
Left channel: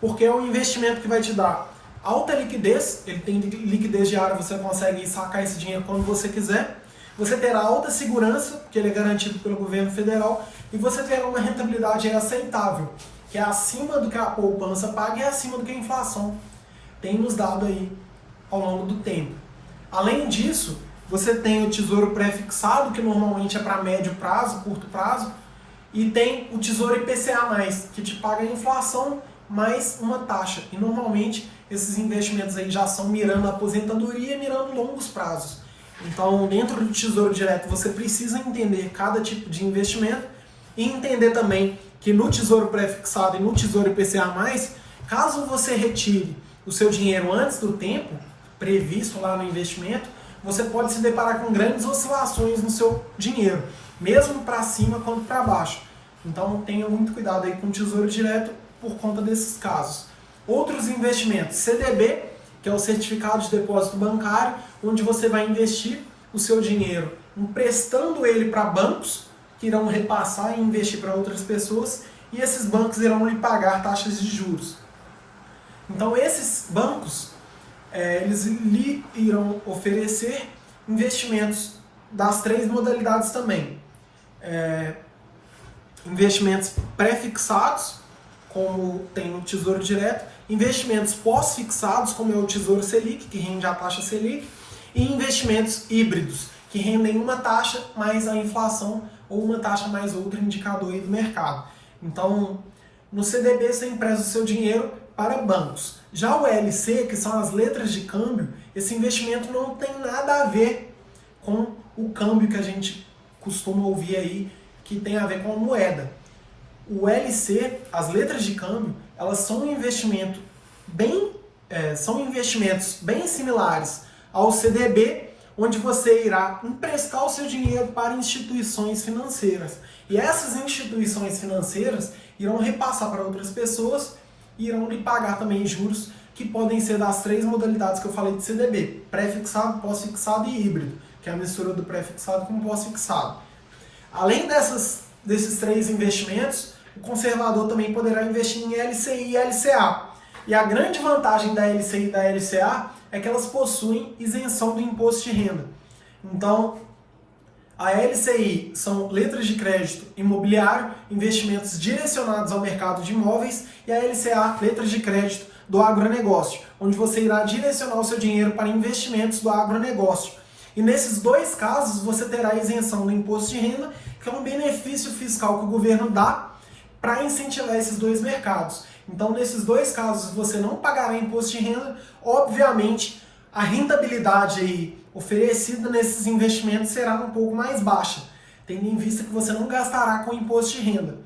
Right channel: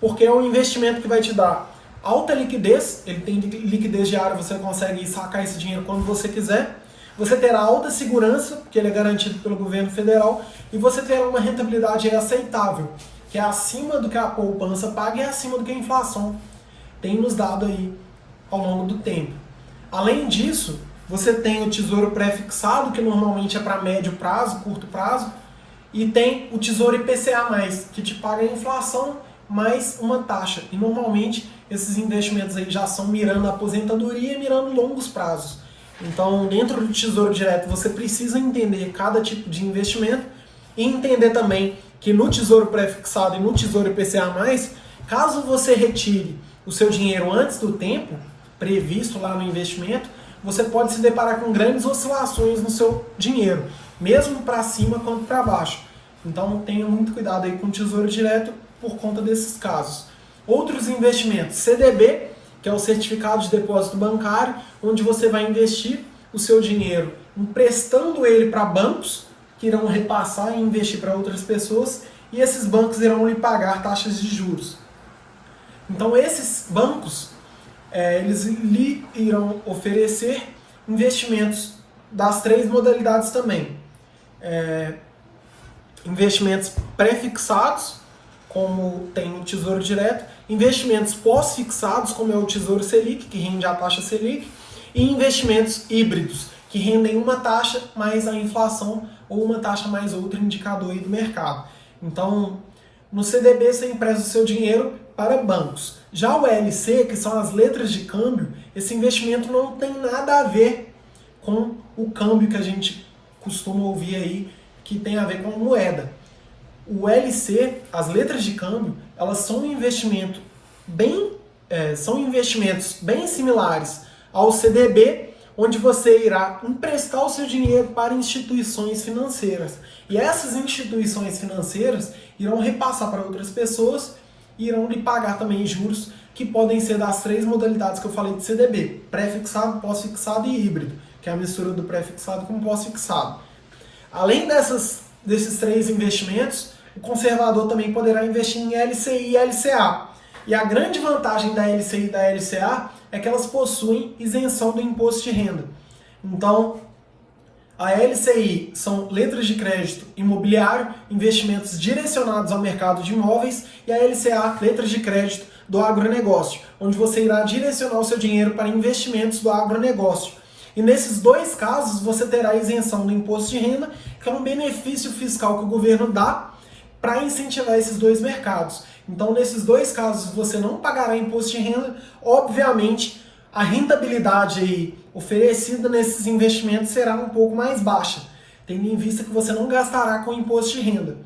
porque é um investimento que vai te dar alta liquidez, ele tem liquidez diária, você consegue sacar esse dinheiro quando você quiser, você terá alta segurança, porque ele é garantido pelo governo federal, e você terá uma rentabilidade aceitável, que é acima do que a poupança paga e é acima do que a inflação tem nos dado aí ao longo do tempo. Além disso, você tem o Tesouro Pré-fixado, que normalmente é para médio prazo, curto prazo, e tem o Tesouro IPCA+, que te paga a inflação mais uma taxa. E normalmente esses investimentos aí já são mirando a aposentadoria e mirando longos prazos. Então, dentro do Tesouro Direto, você precisa entender cada tipo de investimento e entender também que no Tesouro Pré-fixado e no Tesouro IPCA+, caso você retire o seu dinheiro antes do tempo previsto lá no investimento, você pode se deparar com grandes oscilações no seu dinheiro, mesmo para cima quanto para baixo. Então tenha muito cuidado aí com o Tesouro Direto por conta desses casos. Outros investimentos, CDB, que é o Certificado de Depósito Bancário, onde você vai investir o seu dinheiro emprestando ele para bancos, que irão repassar e investir para outras pessoas, e esses bancos irão lhe pagar taxas de juros. Então esses bancos, eles lhe irão oferecer investimentos das 3 modalidades também. Investimentos pré-fixados, como tem o Tesouro Direto, investimentos pós-fixados, como é o Tesouro Selic, que rende a taxa Selic, e investimentos híbridos, que rendem uma taxa mais a inflação ou uma taxa mais outro indicador aí do mercado. Então, no CDB você empresta o seu dinheiro para bancos. Já o LC, que são as letras de câmbio, esse investimento não tem nada a ver com o câmbio que a gente costuma ouvir aí, que tem a ver com a moeda. O LC, as letras de câmbio, elas são são investimentos bem similares ao CDB, onde você irá emprestar o seu dinheiro para instituições financeiras. E essas instituições financeiras irão repassar para outras pessoas e irão lhe pagar também juros que podem ser das 3 modalidades que eu falei de CDB: pré-fixado, pós-fixado e híbrido, que é a mistura do pré-fixado com o pós-fixado. Além desses 3 investimentos, o conservador também poderá investir em LCI e LCA. E a grande vantagem da LCI e da LCA é que elas possuem isenção do imposto de renda. Então, a LCI são letras de crédito imobiliário, investimentos direcionados ao mercado de imóveis, e a LCA, letras de crédito do agronegócio, onde você irá direcionar o seu dinheiro para investimentos do agronegócio. E nesses 2 casos, você terá isenção do imposto de renda, que é um benefício fiscal que o governo dá para incentivar esses 2 mercados. Então, nesses 2 casos, você não pagará imposto de renda. Obviamente, a rentabilidade aí oferecida nesses investimentos será um pouco mais baixa, tendo em vista que você não gastará com imposto de renda.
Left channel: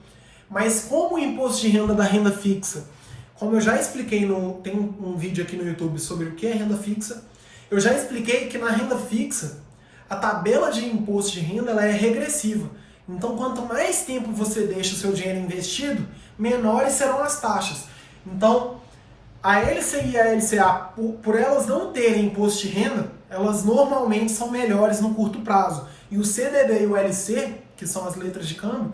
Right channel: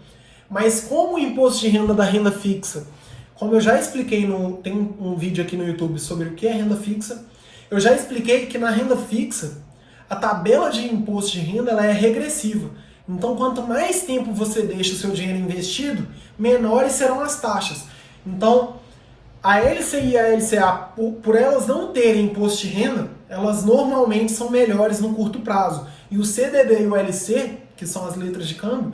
Mas como o imposto de renda da renda fixa, como eu já expliquei, tem um vídeo aqui no YouTube sobre o que é renda fixa, eu já expliquei que na renda fixa, a tabela de imposto de renda ela é regressiva. Então, quanto mais tempo você deixa o seu dinheiro investido, menores serão as taxas. Então, a LCI e a LCA, por elas não terem imposto de renda, elas normalmente são melhores no curto prazo. E o CDB e o LC, que são as letras de câmbio,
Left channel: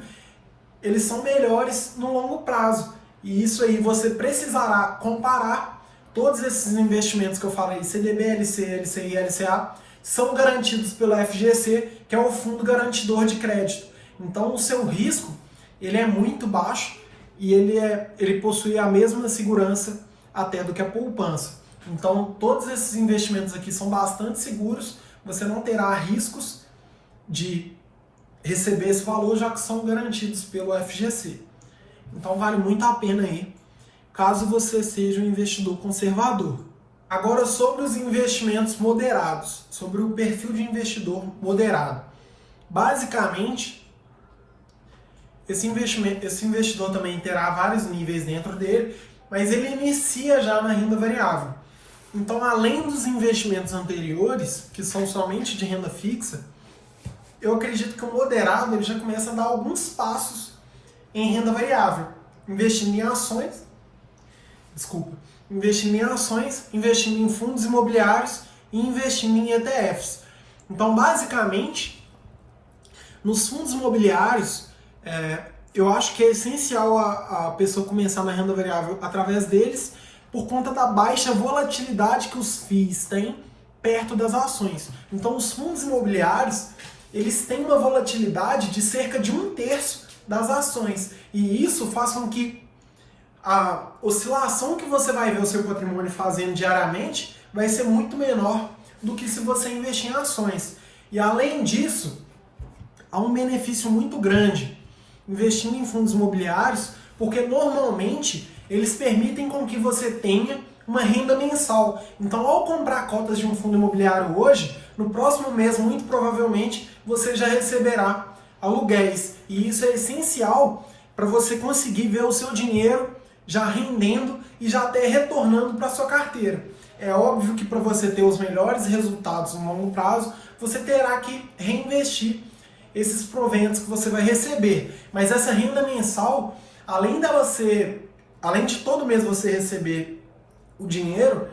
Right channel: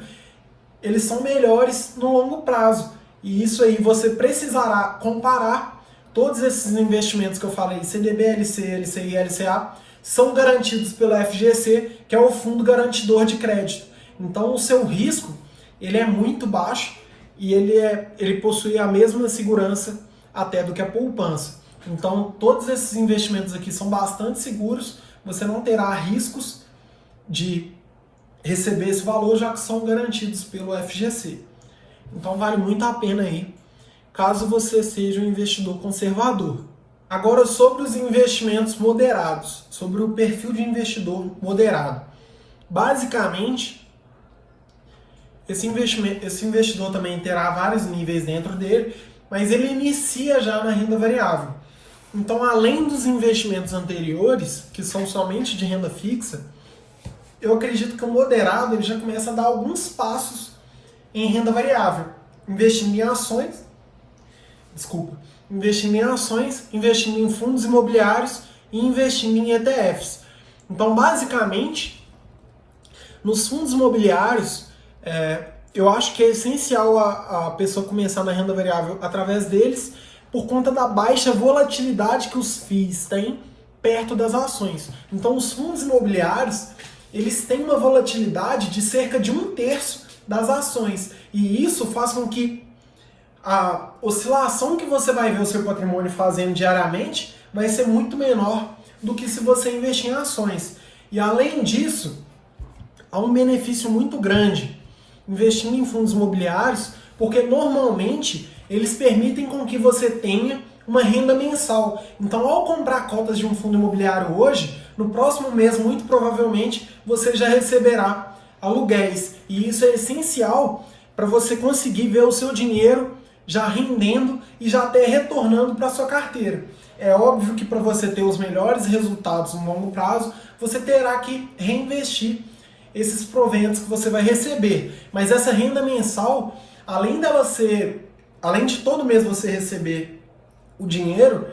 eles são melhores no longo prazo. E isso aí você precisará comparar todos esses investimentos que eu falei, CDB, LC, LCI e LCA, são garantidos pela FGC, que é o Fundo Garantidor de Crédito. Então o seu risco ele é muito baixo e ele possui a mesma segurança até do que a poupança. Então, todos esses investimentos aqui são bastante seguros, você não terá riscos de receber esse valor, já que são garantidos pelo FGC. Então, vale muito a pena aí, caso você seja um investidor conservador. Agora, sobre os investimentos moderados, sobre o perfil de investidor moderado. Basicamente, esse investidor também terá vários níveis dentro dele, mas ele inicia já na renda variável. Então, além dos investimentos anteriores, que são somente de renda fixa, eu acredito que o moderado ele já começa a dar alguns passos em renda variável, investindo em ações, investindo em fundos imobiliários e investindo em ETFs. Então, basicamente, nos fundos imobiliários, eu acho que é essencial a pessoa começar na renda variável através deles, por conta da baixa volatilidade que os FIIs têm perto das ações. Então, os fundos imobiliários, eles têm uma volatilidade de cerca de 1/3 das ações. E isso faz com que a oscilação que você vai ver o seu patrimônio fazendo diariamente vai ser muito menor do que se você investir em ações. E além disso, há um benefício muito grande investindo em fundos imobiliários, porque normalmente eles permitem com que você tenha uma renda mensal. Então, ao comprar cotas de um fundo imobiliário hoje, no próximo mês, muito provavelmente, você já receberá aluguéis. E isso é essencial para você conseguir ver o seu dinheiro já rendendo e já até retornando para a sua carteira. É óbvio que para você ter os melhores resultados no longo prazo, você terá que reinvestir esses proventos que você vai receber. Mas essa renda mensal, além de todo mês você receber o dinheiro,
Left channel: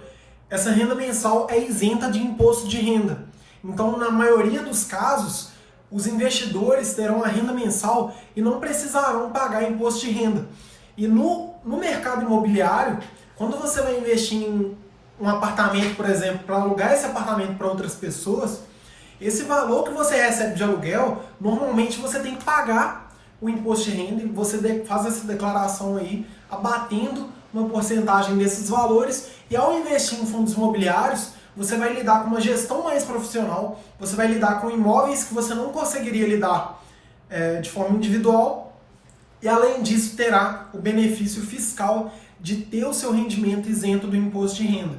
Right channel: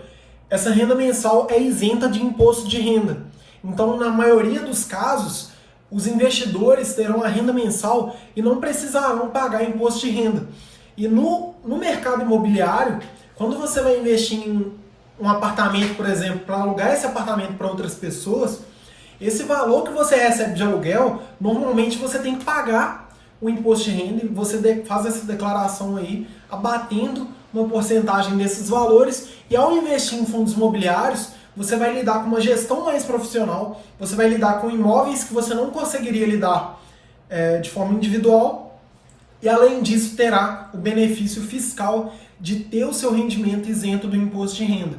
essa renda mensal é isenta de imposto de renda. Então, na maioria dos casos, os investidores terão a renda mensal e não precisarão pagar imposto de renda. E no mercado imobiliário, quando você vai investir em um apartamento, por exemplo, para alugar esse apartamento para outras pessoas, esse valor que você recebe de aluguel, normalmente você tem que pagar o imposto de renda, e você faz essa declaração aí, abatendo uma porcentagem desses valores, e ao investir em fundos imobiliários, você vai lidar com uma gestão mais profissional, você vai lidar com imóveis que você não conseguiria lidar de forma individual, e além disso terá o benefício fiscal de ter o seu rendimento isento do imposto de renda.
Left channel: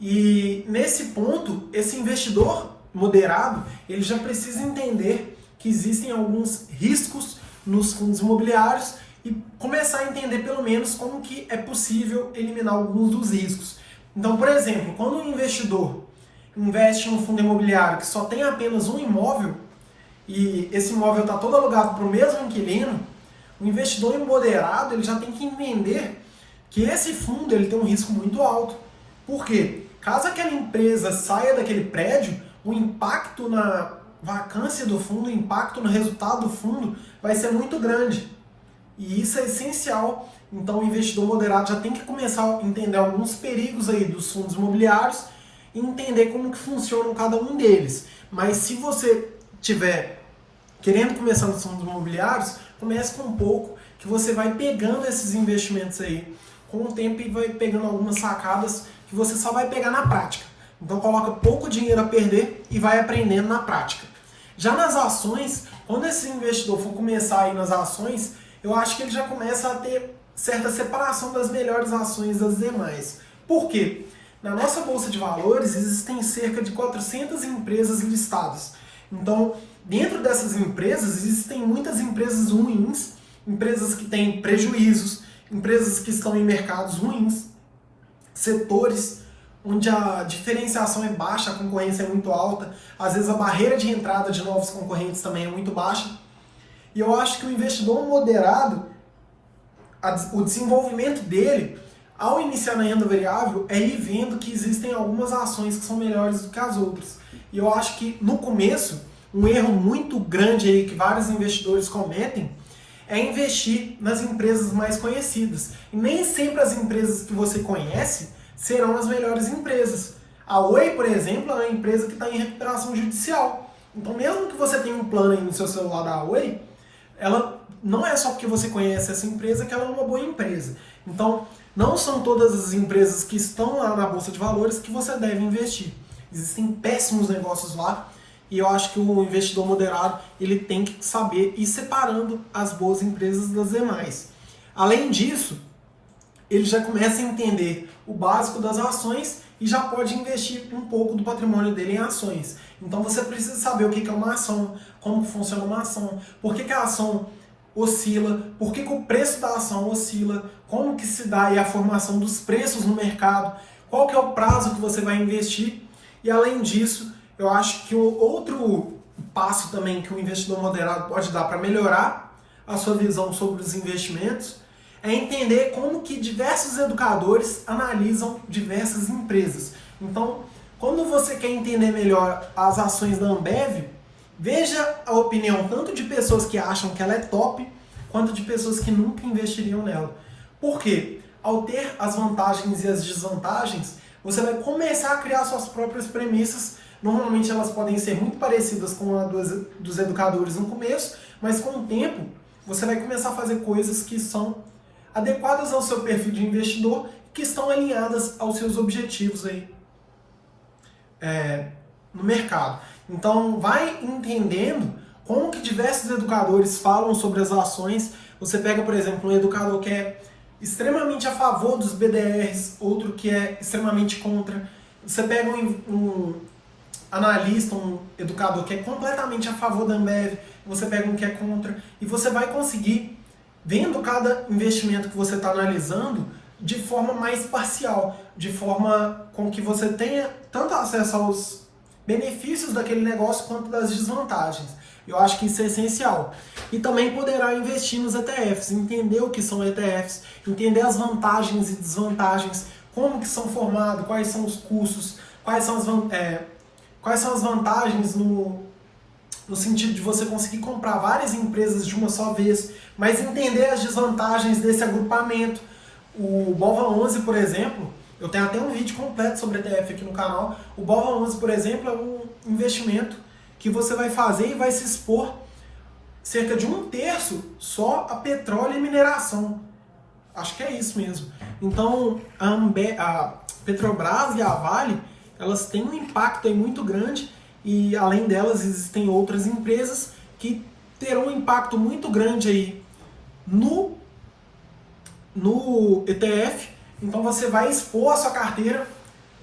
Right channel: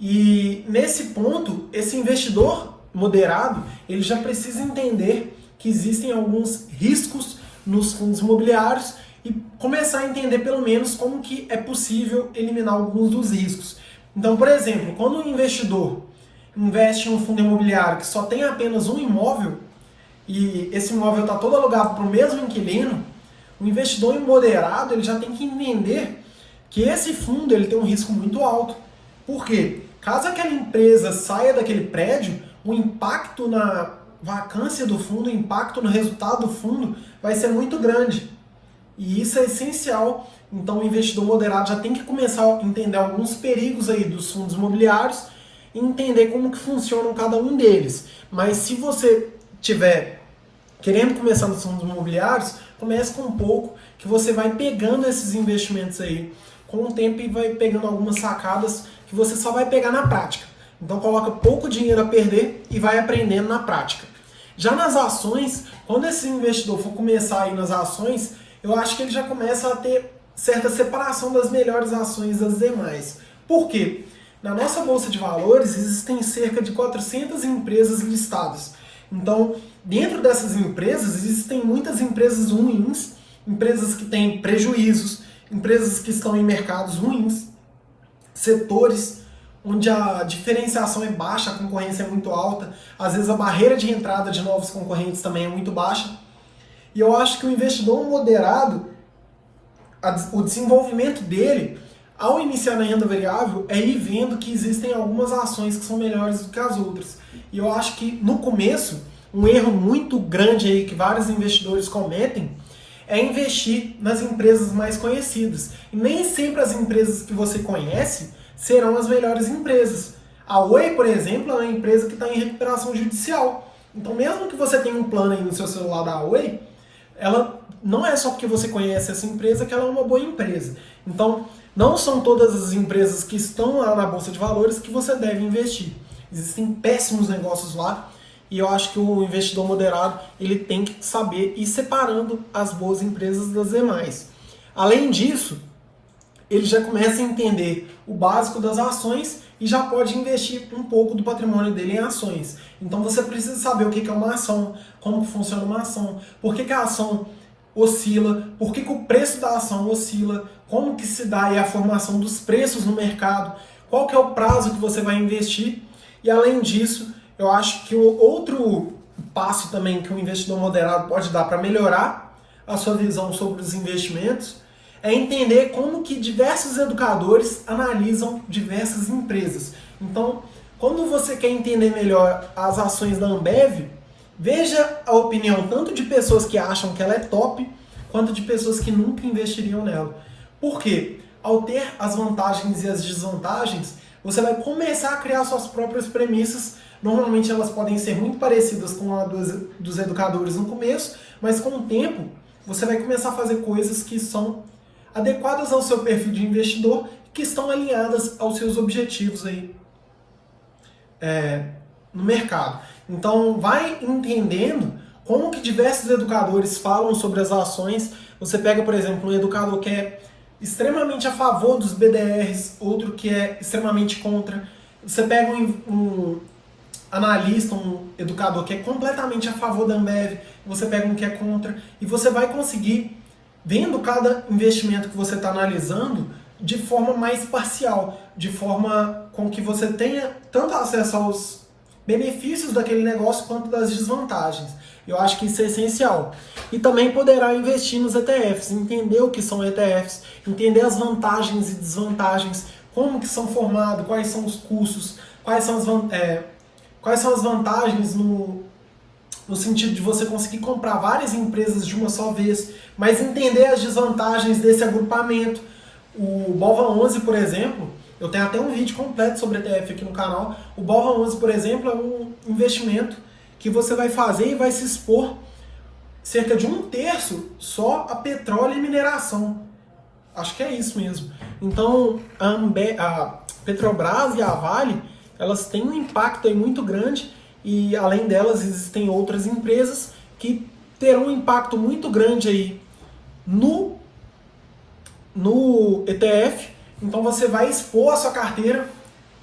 E nesse ponto, esse investidor moderado, ele já precisa entender que existem alguns riscos nos fundos imobiliários e começar a entender pelo menos como que é possível eliminar alguns dos riscos. Então, por exemplo, quando um investidor investe em um fundo imobiliário que só tem apenas um imóvel e esse imóvel está todo alugado para o mesmo inquilino, o investidor moderado ele já tem que entender que esse fundo ele tem um risco muito alto. Por quê? Caso aquela empresa saia daquele prédio, o impacto na vacância do fundo, o impacto no resultado do fundo vai ser muito grande. E isso é essencial. Então o investidor moderado já tem que começar a entender alguns perigos aí dos fundos imobiliários e entender como que funcionam cada um deles. Mas se você tiver querendo começar nos fundos imobiliários, comece com um pouco, que você vai pegando esses investimentos aí com o tempo e vai pegando algumas sacadas que você só vai pegar na prática. Então coloca pouco dinheiro a perder e vai aprendendo na prática. Já nas ações, quando esse investidor for começar a ir nas ações, eu acho que ele já começa a ter certa separação das melhores ações das demais. Por quê? Na nossa Bolsa de Valores existem cerca de 400 empresas listadas. Então, dentro dessas empresas, existem muitas empresas ruins, empresas que têm prejuízos, empresas que estão em mercados ruins, setores onde a diferenciação é baixa, a concorrência é muito alta, às vezes a barreira de entrada de novos concorrentes também é muito baixa. E eu acho que o investidor moderado, o desenvolvimento dele, ao iniciar na renda variável, é ir vendo que existem algumas ações que são melhores do que as outras. E eu acho que no começo, um erro muito grande aí que vários investidores cometem é investir nas empresas mais conhecidas. E nem sempre as empresas que você conhece serão as melhores empresas. A Oi, por exemplo, é uma empresa que está em recuperação judicial. Então, mesmo que você tenha um plano aí no seu celular da Oi, ela não é só porque você conhece essa empresa que ela é uma boa empresa. Então, não são todas as empresas que estão lá na Bolsa de Valores que você deve investir. Existem péssimos negócios lá e eu acho que o investidor moderado ele tem que saber ir separando as boas empresas das demais. Além disso, ele já começa a entender o básico das ações e já pode investir um pouco do patrimônio dele em ações. Então você precisa saber o que é uma ação, como funciona uma ação, por que a ação oscila, por que o preço da ação oscila, como que se dá aí a formação dos preços no mercado, qual que é o prazo que você vai investir. E além disso, eu acho que o outro passo também que um investidor moderado pode dar para melhorar a sua visão sobre os investimentos é entender como que diversos educadores analisam diversas empresas. Então, quando você quer entender melhor as ações da Ambev, veja a opinião tanto de pessoas que acham que ela é top, quanto de pessoas que nunca investiriam nela. Por quê? Ao ter as vantagens e as desvantagens, você vai começar a criar suas próprias premissas. Normalmente elas podem ser muito parecidas com a dos educadores no começo, mas com o tempo você vai começar a fazer coisas que são adequadas ao seu perfil de investidor, que estão alinhadas aos seus objetivos aí no mercado. Então vai entendendo como que diversos educadores falam sobre as ações. Você pega, por exemplo, um educador que é extremamente a favor dos BDRs, outro que é extremamente contra. Você pega um analista, um educador que é completamente a favor da Ambev, você pega um que é contra, e você vai conseguir, vendo cada investimento que você está analisando, de forma mais parcial, de forma com que você tenha tanto acesso aos benefícios daquele negócio quanto das desvantagens. Eu acho que isso é essencial. E também poderá investir nos ETFs, entender o que são ETFs, entender as vantagens e desvantagens, como que são formados, quais são os custos, quais são as vantagens no sentido de você conseguir comprar várias empresas de uma só vez, mas entender as desvantagens desse agrupamento. O BOVA11, por exemplo, eu tenho até um vídeo completo sobre ETF aqui no canal. O BOVA11, por exemplo, é um investimento que você vai fazer e vai se expor cerca de 1/3 só a petróleo e mineração. Acho que é isso mesmo. Então, a Petrobras e a Vale, elas têm um impacto aí muito grande e, além delas, existem outras empresas que terão um impacto muito grande aí no ETF. Então, você vai expor a sua carteira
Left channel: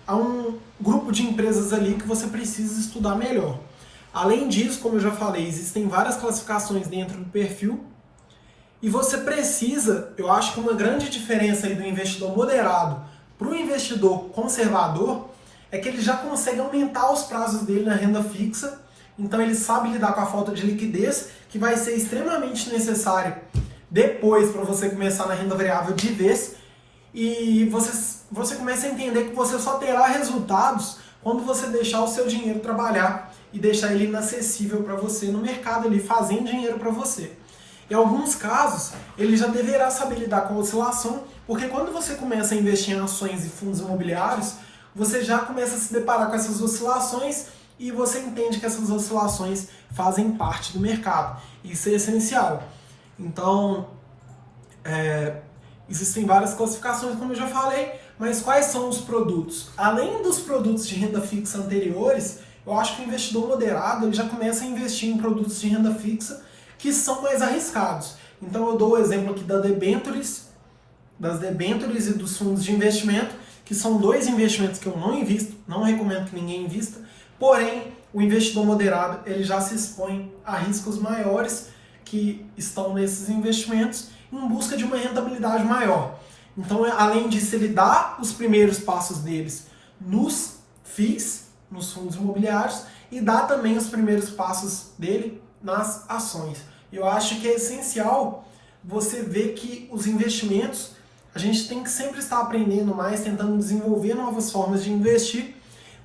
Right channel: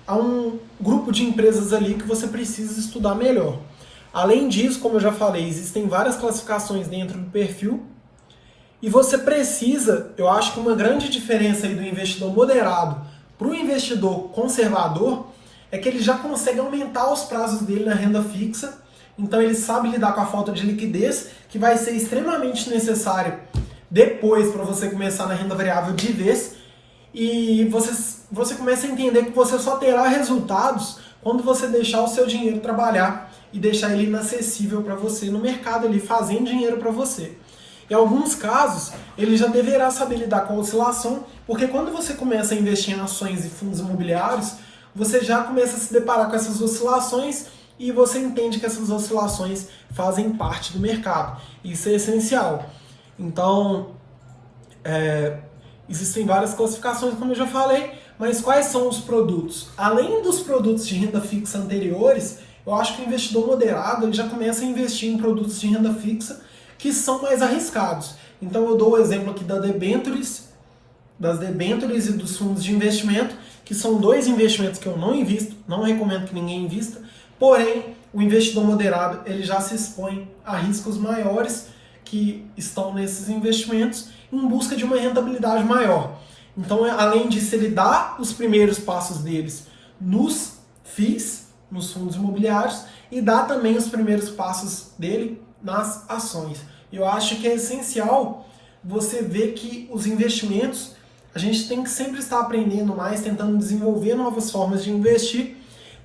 a um grupo de empresas ali que você precisa estudar melhor. Além disso, como eu já falei, existem várias classificações dentro do perfil e você precisa, eu acho que uma grande diferença aí do investidor moderado para o investidor conservador é que ele já consegue aumentar os prazos dele na renda fixa, então ele sabe lidar com a falta de liquidez, que vai ser extremamente necessário depois para você começar na renda variável de vez, e você começa a entender que você só terá resultados quando você deixar o seu dinheiro trabalhar e deixar ele inacessível para você no mercado, ele fazendo dinheiro para você. Em alguns casos, ele já deverá saber lidar com a oscilação, porque quando você começa a investir em ações e fundos imobiliários, você já começa a se deparar com essas oscilações e você entende que essas oscilações fazem parte do mercado. Isso é essencial. Então, existem várias classificações, como eu já falei, mas quais são os produtos? Além dos produtos de renda fixa anteriores, eu acho que o investidor moderado ele já começa a investir em produtos de renda fixa que são mais arriscados. Então eu dou o exemplo aqui das debêntures e dos fundos de investimento, que são dois investimentos que eu não invisto, não recomendo que ninguém invista, porém o investidor moderado ele já se expõe a riscos maiores que estão nesses investimentos em busca de uma rentabilidade maior. Então, além disso, ele dá os primeiros passos deles nos FIIs, nos fundos imobiliários, e dá também os primeiros passos dele nas ações. Eu acho que é essencial você ver que os investimentos, a gente tem que sempre estar aprendendo mais, tentando desenvolver novas formas de investir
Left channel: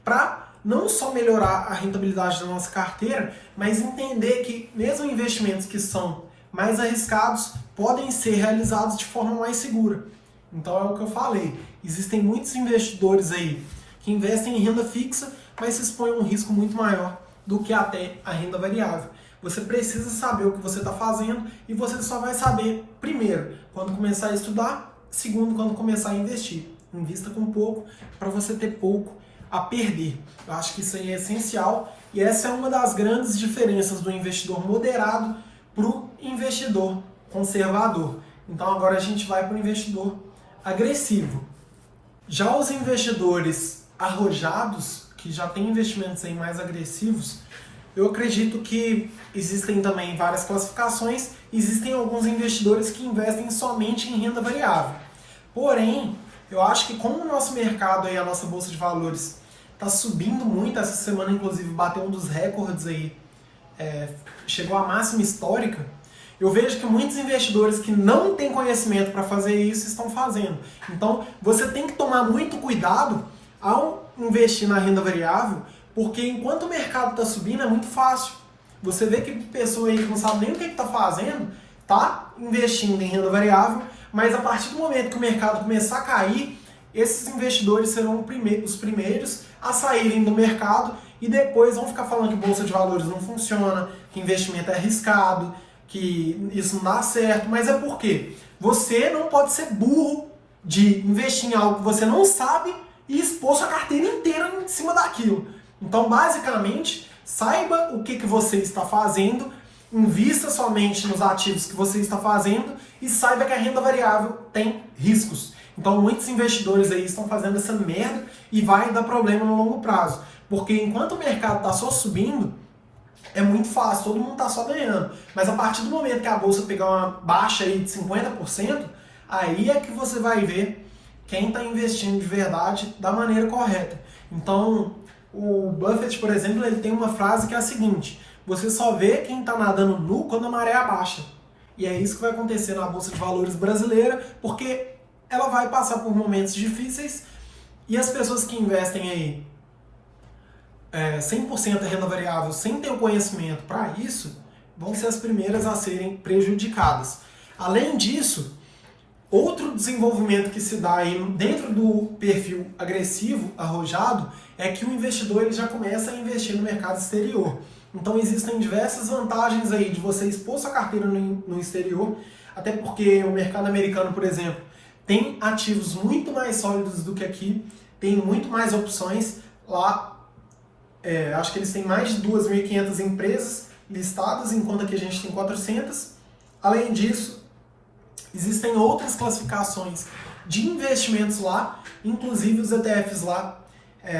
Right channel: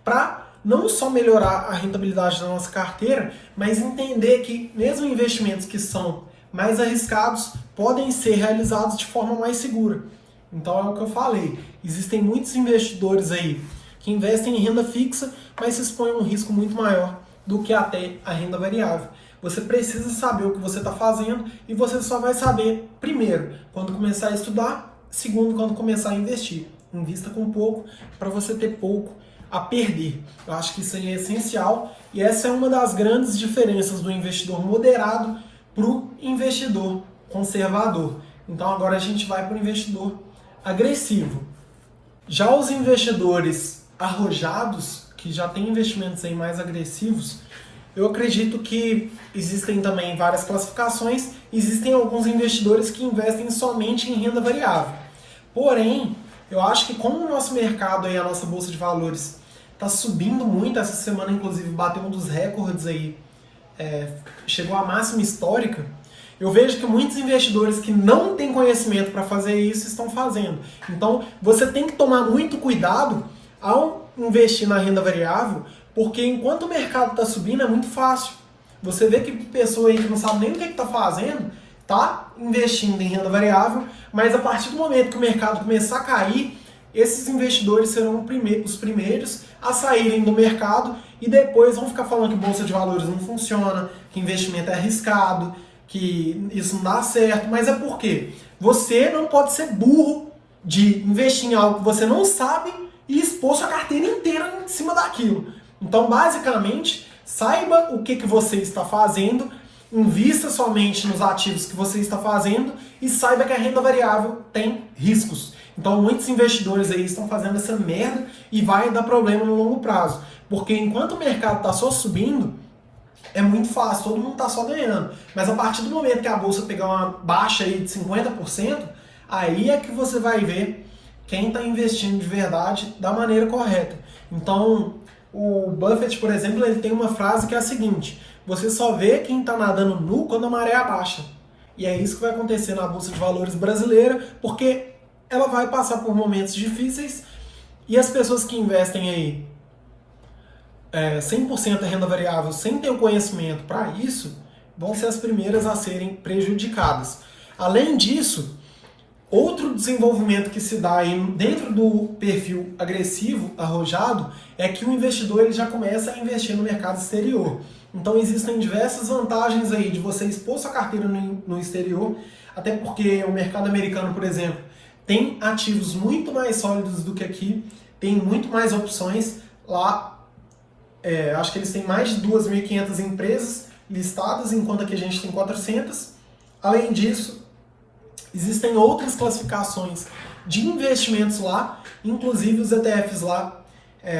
para não só melhorar a rentabilidade da nossa carteira, mas entender que mesmo investimentos que são mais arriscados podem ser realizados de forma mais segura. Então é o que eu falei, existem muitos investidores aí que investem em renda fixa, mas se expõem a um risco muito maior do que até a renda variável. Você precisa saber o que você está fazendo e você só vai saber, primeiro, quando começar a estudar, segundo, quando começar a investir. Invista com pouco para você ter pouco a perder. Eu acho que isso aí é essencial e essa é uma das grandes diferenças do investidor moderado para o investidor conservador. Então agora a gente vai para o investidor agressivo. Já os investidores arrojados, que já têm investimentos aí mais agressivos, eu acredito que existem também várias classificações, existem alguns investidores que investem somente em renda variável. Porém, eu acho que como o nosso mercado e a nossa bolsa de valores está subindo muito, essa semana inclusive bateu um dos recordes aí, chegou à máxima histórica, eu vejo que muitos investidores que não têm conhecimento para fazer isso estão fazendo. Então, você tem que tomar muito cuidado ao investir na renda variável, porque enquanto o mercado está subindo é muito fácil. Você vê que pessoa aí que não sabe nem o que está fazendo, está investindo em renda variável, mas a partir do momento que o mercado começar a cair, esses investidores serão os primeiros a saírem do mercado e depois vão ficar falando que bolsa de valores não funciona, que investimento é arriscado, que isso não dá certo, mas é porque você não pode ser burro de investir em algo que você não sabe e expor sua carteira inteira em cima daquilo. Então, basicamente, saiba o que você está fazendo, invista somente nos ativos que você está fazendo e saiba que a renda variável tem riscos. Então, muitos investidores aí estão fazendo essa merda e vai dar problema no longo prazo. Porque enquanto o mercado está só subindo, é muito fácil, todo mundo está só ganhando. Mas a partir do momento que a bolsa pegar uma baixa aí de 50%, aí é que você vai ver quem está investindo de verdade da maneira correta. Então, o Buffett, por exemplo, ele tem uma frase que é a seguinte: você só vê quem está nadando nu quando a maré abaixa. E é isso que vai acontecer na Bolsa de Valores brasileira, porque ela vai passar por momentos difíceis e as pessoas que investem aí 100% da renda variável sem ter o conhecimento para isso, vão ser as primeiras a serem prejudicadas. Além disso, outro desenvolvimento que se dá aí dentro do perfil agressivo, arrojado, é que o investidor ele já começa a investir no mercado exterior. Então existem diversas vantagens aí de você expor sua carteira no exterior, até porque o mercado americano, por exemplo, tem ativos muito mais sólidos do que aqui, tem muito mais opções. Lá, acho que eles têm mais de 2.500 empresas listadas, enquanto aqui a gente tem 400. Além disso, existem outras classificações de investimentos lá, inclusive os ETFs lá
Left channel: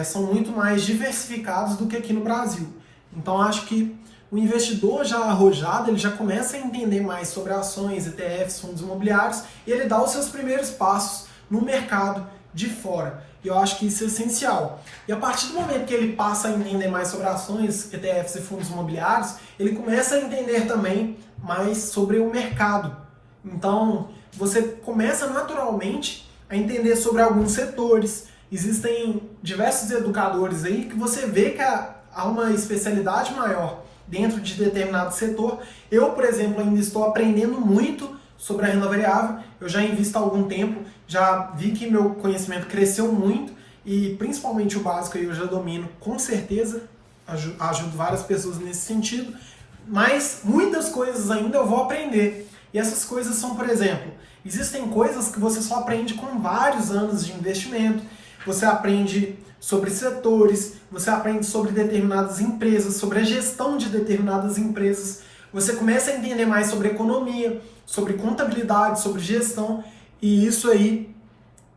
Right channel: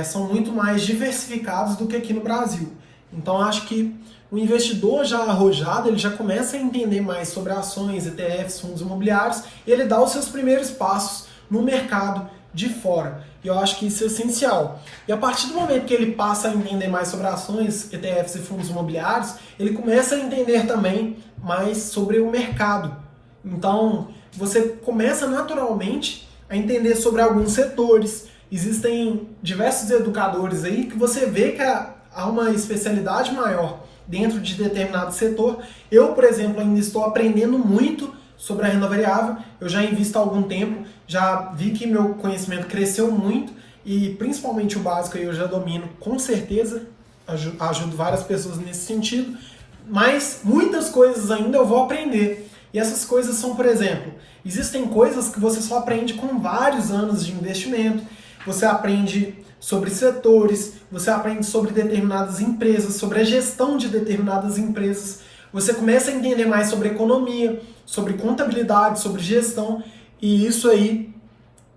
são muito mais diversificados do que aqui no Brasil. Então acho que o investidor já arrojado, ele já começa a entender mais sobre ações, ETFs, fundos imobiliários, e ele dá os seus primeiros passos no mercado de fora. E eu acho que isso é essencial. E a partir do momento que ele passa a entender mais sobre ações, ETFs e fundos imobiliários, ele começa a entender também mais sobre o mercado. Então, você começa naturalmente a entender sobre alguns setores. Existem diversos educadores aí que você vê que há uma especialidade maior dentro de determinado setor. Eu, por exemplo, ainda estou aprendendo muito sobre a renda variável. Eu já invisto há algum tempo, já vi que meu conhecimento cresceu muito e principalmente o básico eu já domino com certeza, ajudo várias pessoas nesse sentido, mas muitas coisas ainda eu vou aprender. E essas coisas são, por exemplo, existem coisas que você só aprende com vários anos de investimento. Você aprende sobre setores, você aprende sobre determinadas empresas, sobre a gestão de determinadas empresas. Você começa a entender mais sobre economia, sobre contabilidade, sobre gestão, e isso aí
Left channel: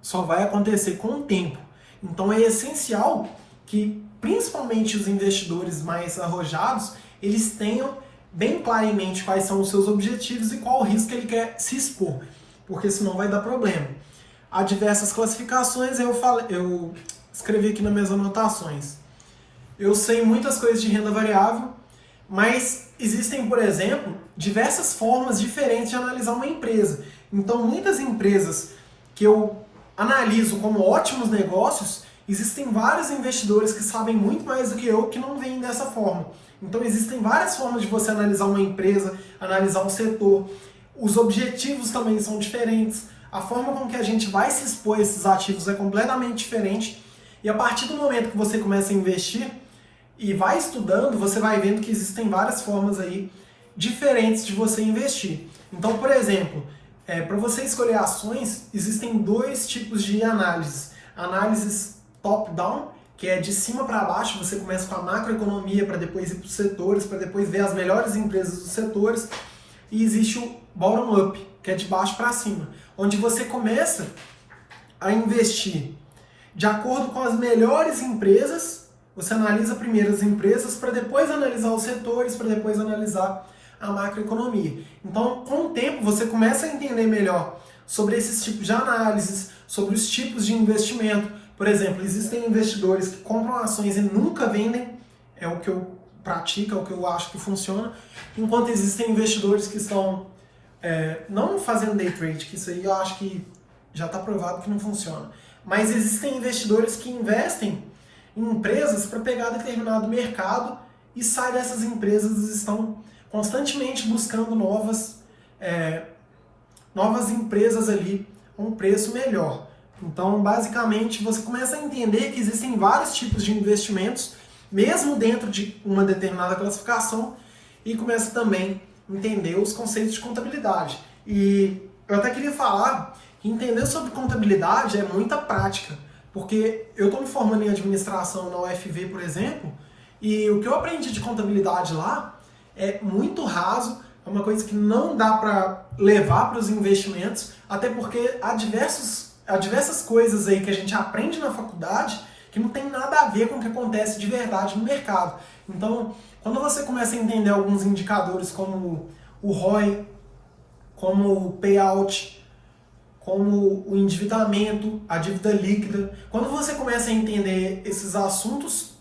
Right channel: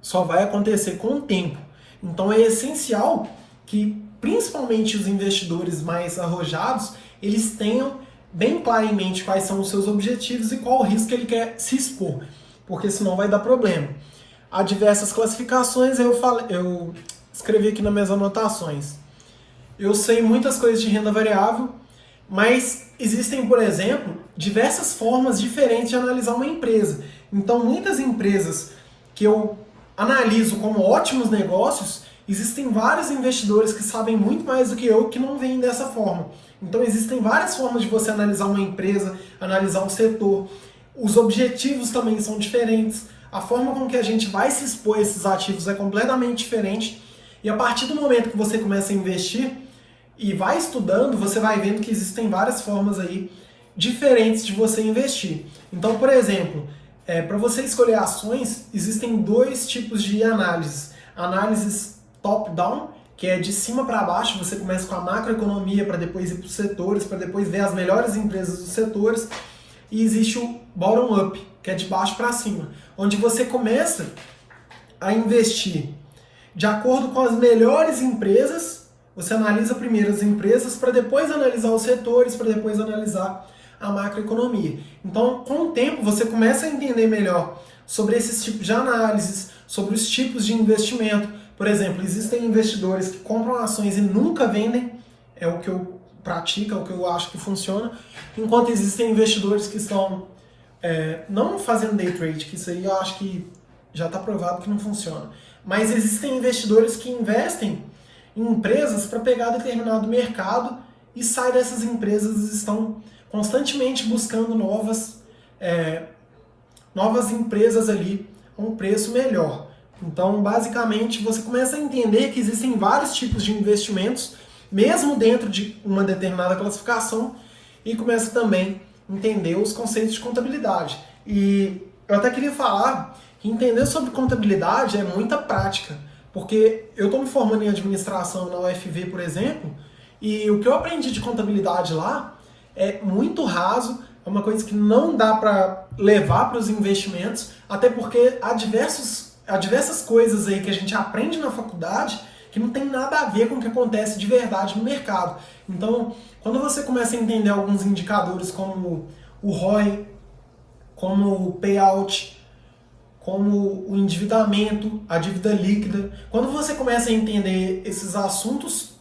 só vai acontecer com o tempo. Então é essencial que, principalmente os investidores mais arrojados, eles tenham bem claro em mente quais são os seus objetivos e qual o risco que ele quer se expor, porque senão vai dar problema. Há diversas classificações, eu escrevi aqui nas minhas anotações. Eu sei muitas coisas de renda variável, mas existem, por exemplo, diversas formas diferentes de analisar uma empresa. Então, muitas empresas que eu analiso como ótimos negócios, existem vários investidores que sabem muito mais do que eu que não veem dessa forma. Então, existem várias formas de você analisar uma empresa, analisar um setor. Os objetivos também são diferentes. A forma com que a gente vai se expor a esses ativos é completamente diferente. E a partir do momento que você começa a investir, e vai estudando, você vai vendo que existem várias formas aí diferentes de você investir. Então, por exemplo, para você escolher ações, existem dois tipos de análises. Análises top-down, que é de cima para baixo, você começa com a macroeconomia para depois ir para os setores, para depois ver as melhores empresas dos setores. E existe o bottom-up, que é de baixo para cima, onde você começa a investir de acordo com as melhores empresas. Você analisa primeiro as empresas para depois analisar os setores, para depois analisar a macroeconomia. Então, com o tempo, você começa a entender melhor sobre esses tipos de análises, sobre os tipos de investimento. Por exemplo, existem investidores que compram ações e nunca vendem, é o que eu pratico, é o que eu acho que funciona, enquanto existem investidores que estão não fazendo day trade, que isso aí eu acho que já está provado que não funciona, mas existem investidores que investem em empresas para pegar determinado mercado e saem dessas empresas e estão constantemente buscando novas empresas ali a um preço melhor. Então, basicamente, você começa a entender que existem vários tipos de investimentos, mesmo dentro de uma determinada classificação, e começa também a entender os conceitos de contabilidade. E eu até queria falar que entender sobre contabilidade é muita prática, porque eu estou me formando em administração na UFV, por exemplo, e o que eu aprendi de contabilidade lá é muito raso, é uma coisa que não dá para levar para os investimentos, até porque há diversas coisas aí que a gente aprende na faculdade que não tem nada a ver com o que acontece de verdade no mercado. Então, quando você começa a entender alguns indicadores como o ROI, como o payout, como o endividamento, a dívida líquida, quando você começa a entender esses assuntos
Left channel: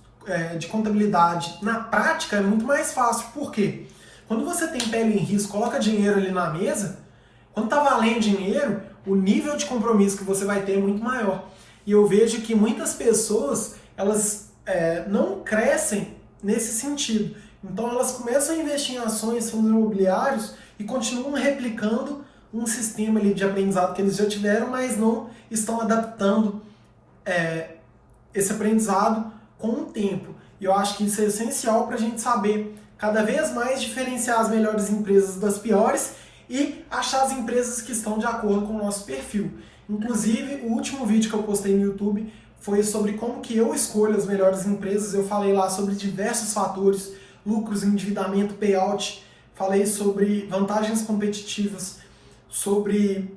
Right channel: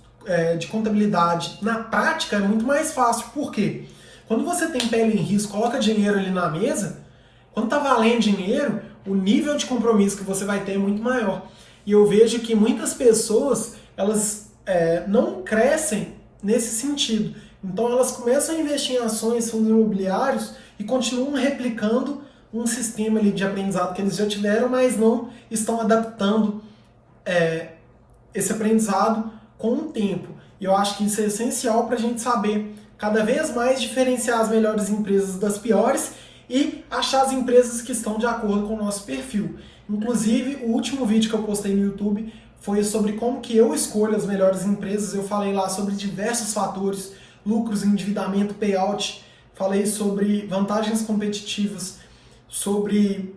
de contabilidade na prática, é muito mais fácil. Por quê? Quando você tem pele em risco, coloca dinheiro ali na mesa, quando está valendo dinheiro, o nível de compromisso que você vai ter é muito maior. E eu vejo que muitas pessoas, elas não crescem nesse sentido. Então elas começam a investir em ações, fundos imobiliários e continuam replicando um sistema ali de aprendizado que eles já tiveram, mas não estão adaptando esse aprendizado com o tempo. E eu acho que isso é essencial para a gente saber cada vez mais diferenciar as melhores empresas das piores e achar as empresas que estão de acordo com o nosso perfil. Inclusive, o último vídeo que eu postei no YouTube foi sobre como que eu escolho as melhores empresas. Eu falei lá sobre diversos fatores, lucros, endividamento, payout, falei sobre vantagens competitivas, sobre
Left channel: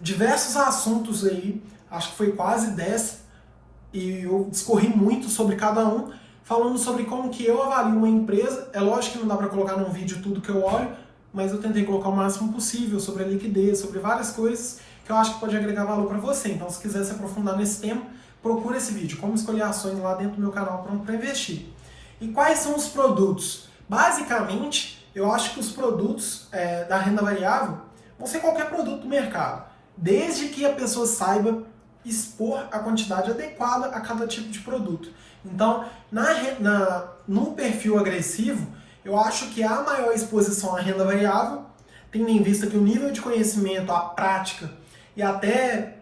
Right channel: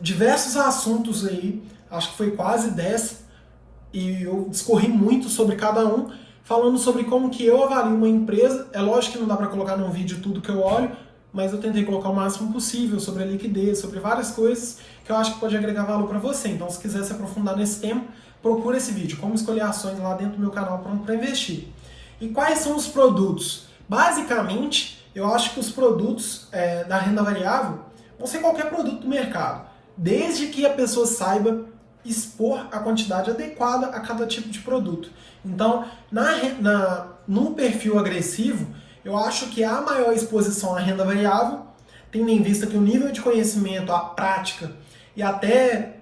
diversos assuntos aí, acho que foi quase 10, e eu discorri muito sobre cada um, falando sobre como que eu avalio uma empresa. É lógico que não dá para colocar num vídeo tudo que eu olho, mas eu tentei colocar o máximo possível sobre a liquidez, sobre várias coisas que eu acho que pode agregar valor para você. Então, se quiser se aprofundar nesse tema, procura esse vídeo, como escolher ações, lá dentro do meu canal Pronto para Investir. E quais são os produtos? Basicamente, eu acho que os produtos da renda variável vão ser qualquer produto do mercado, desde que a pessoa saiba expor a quantidade adequada a cada tipo de produto. Então, no perfil agressivo, eu acho que a maior exposição à renda variável, tendo em vista que o nível de conhecimento, a prática e até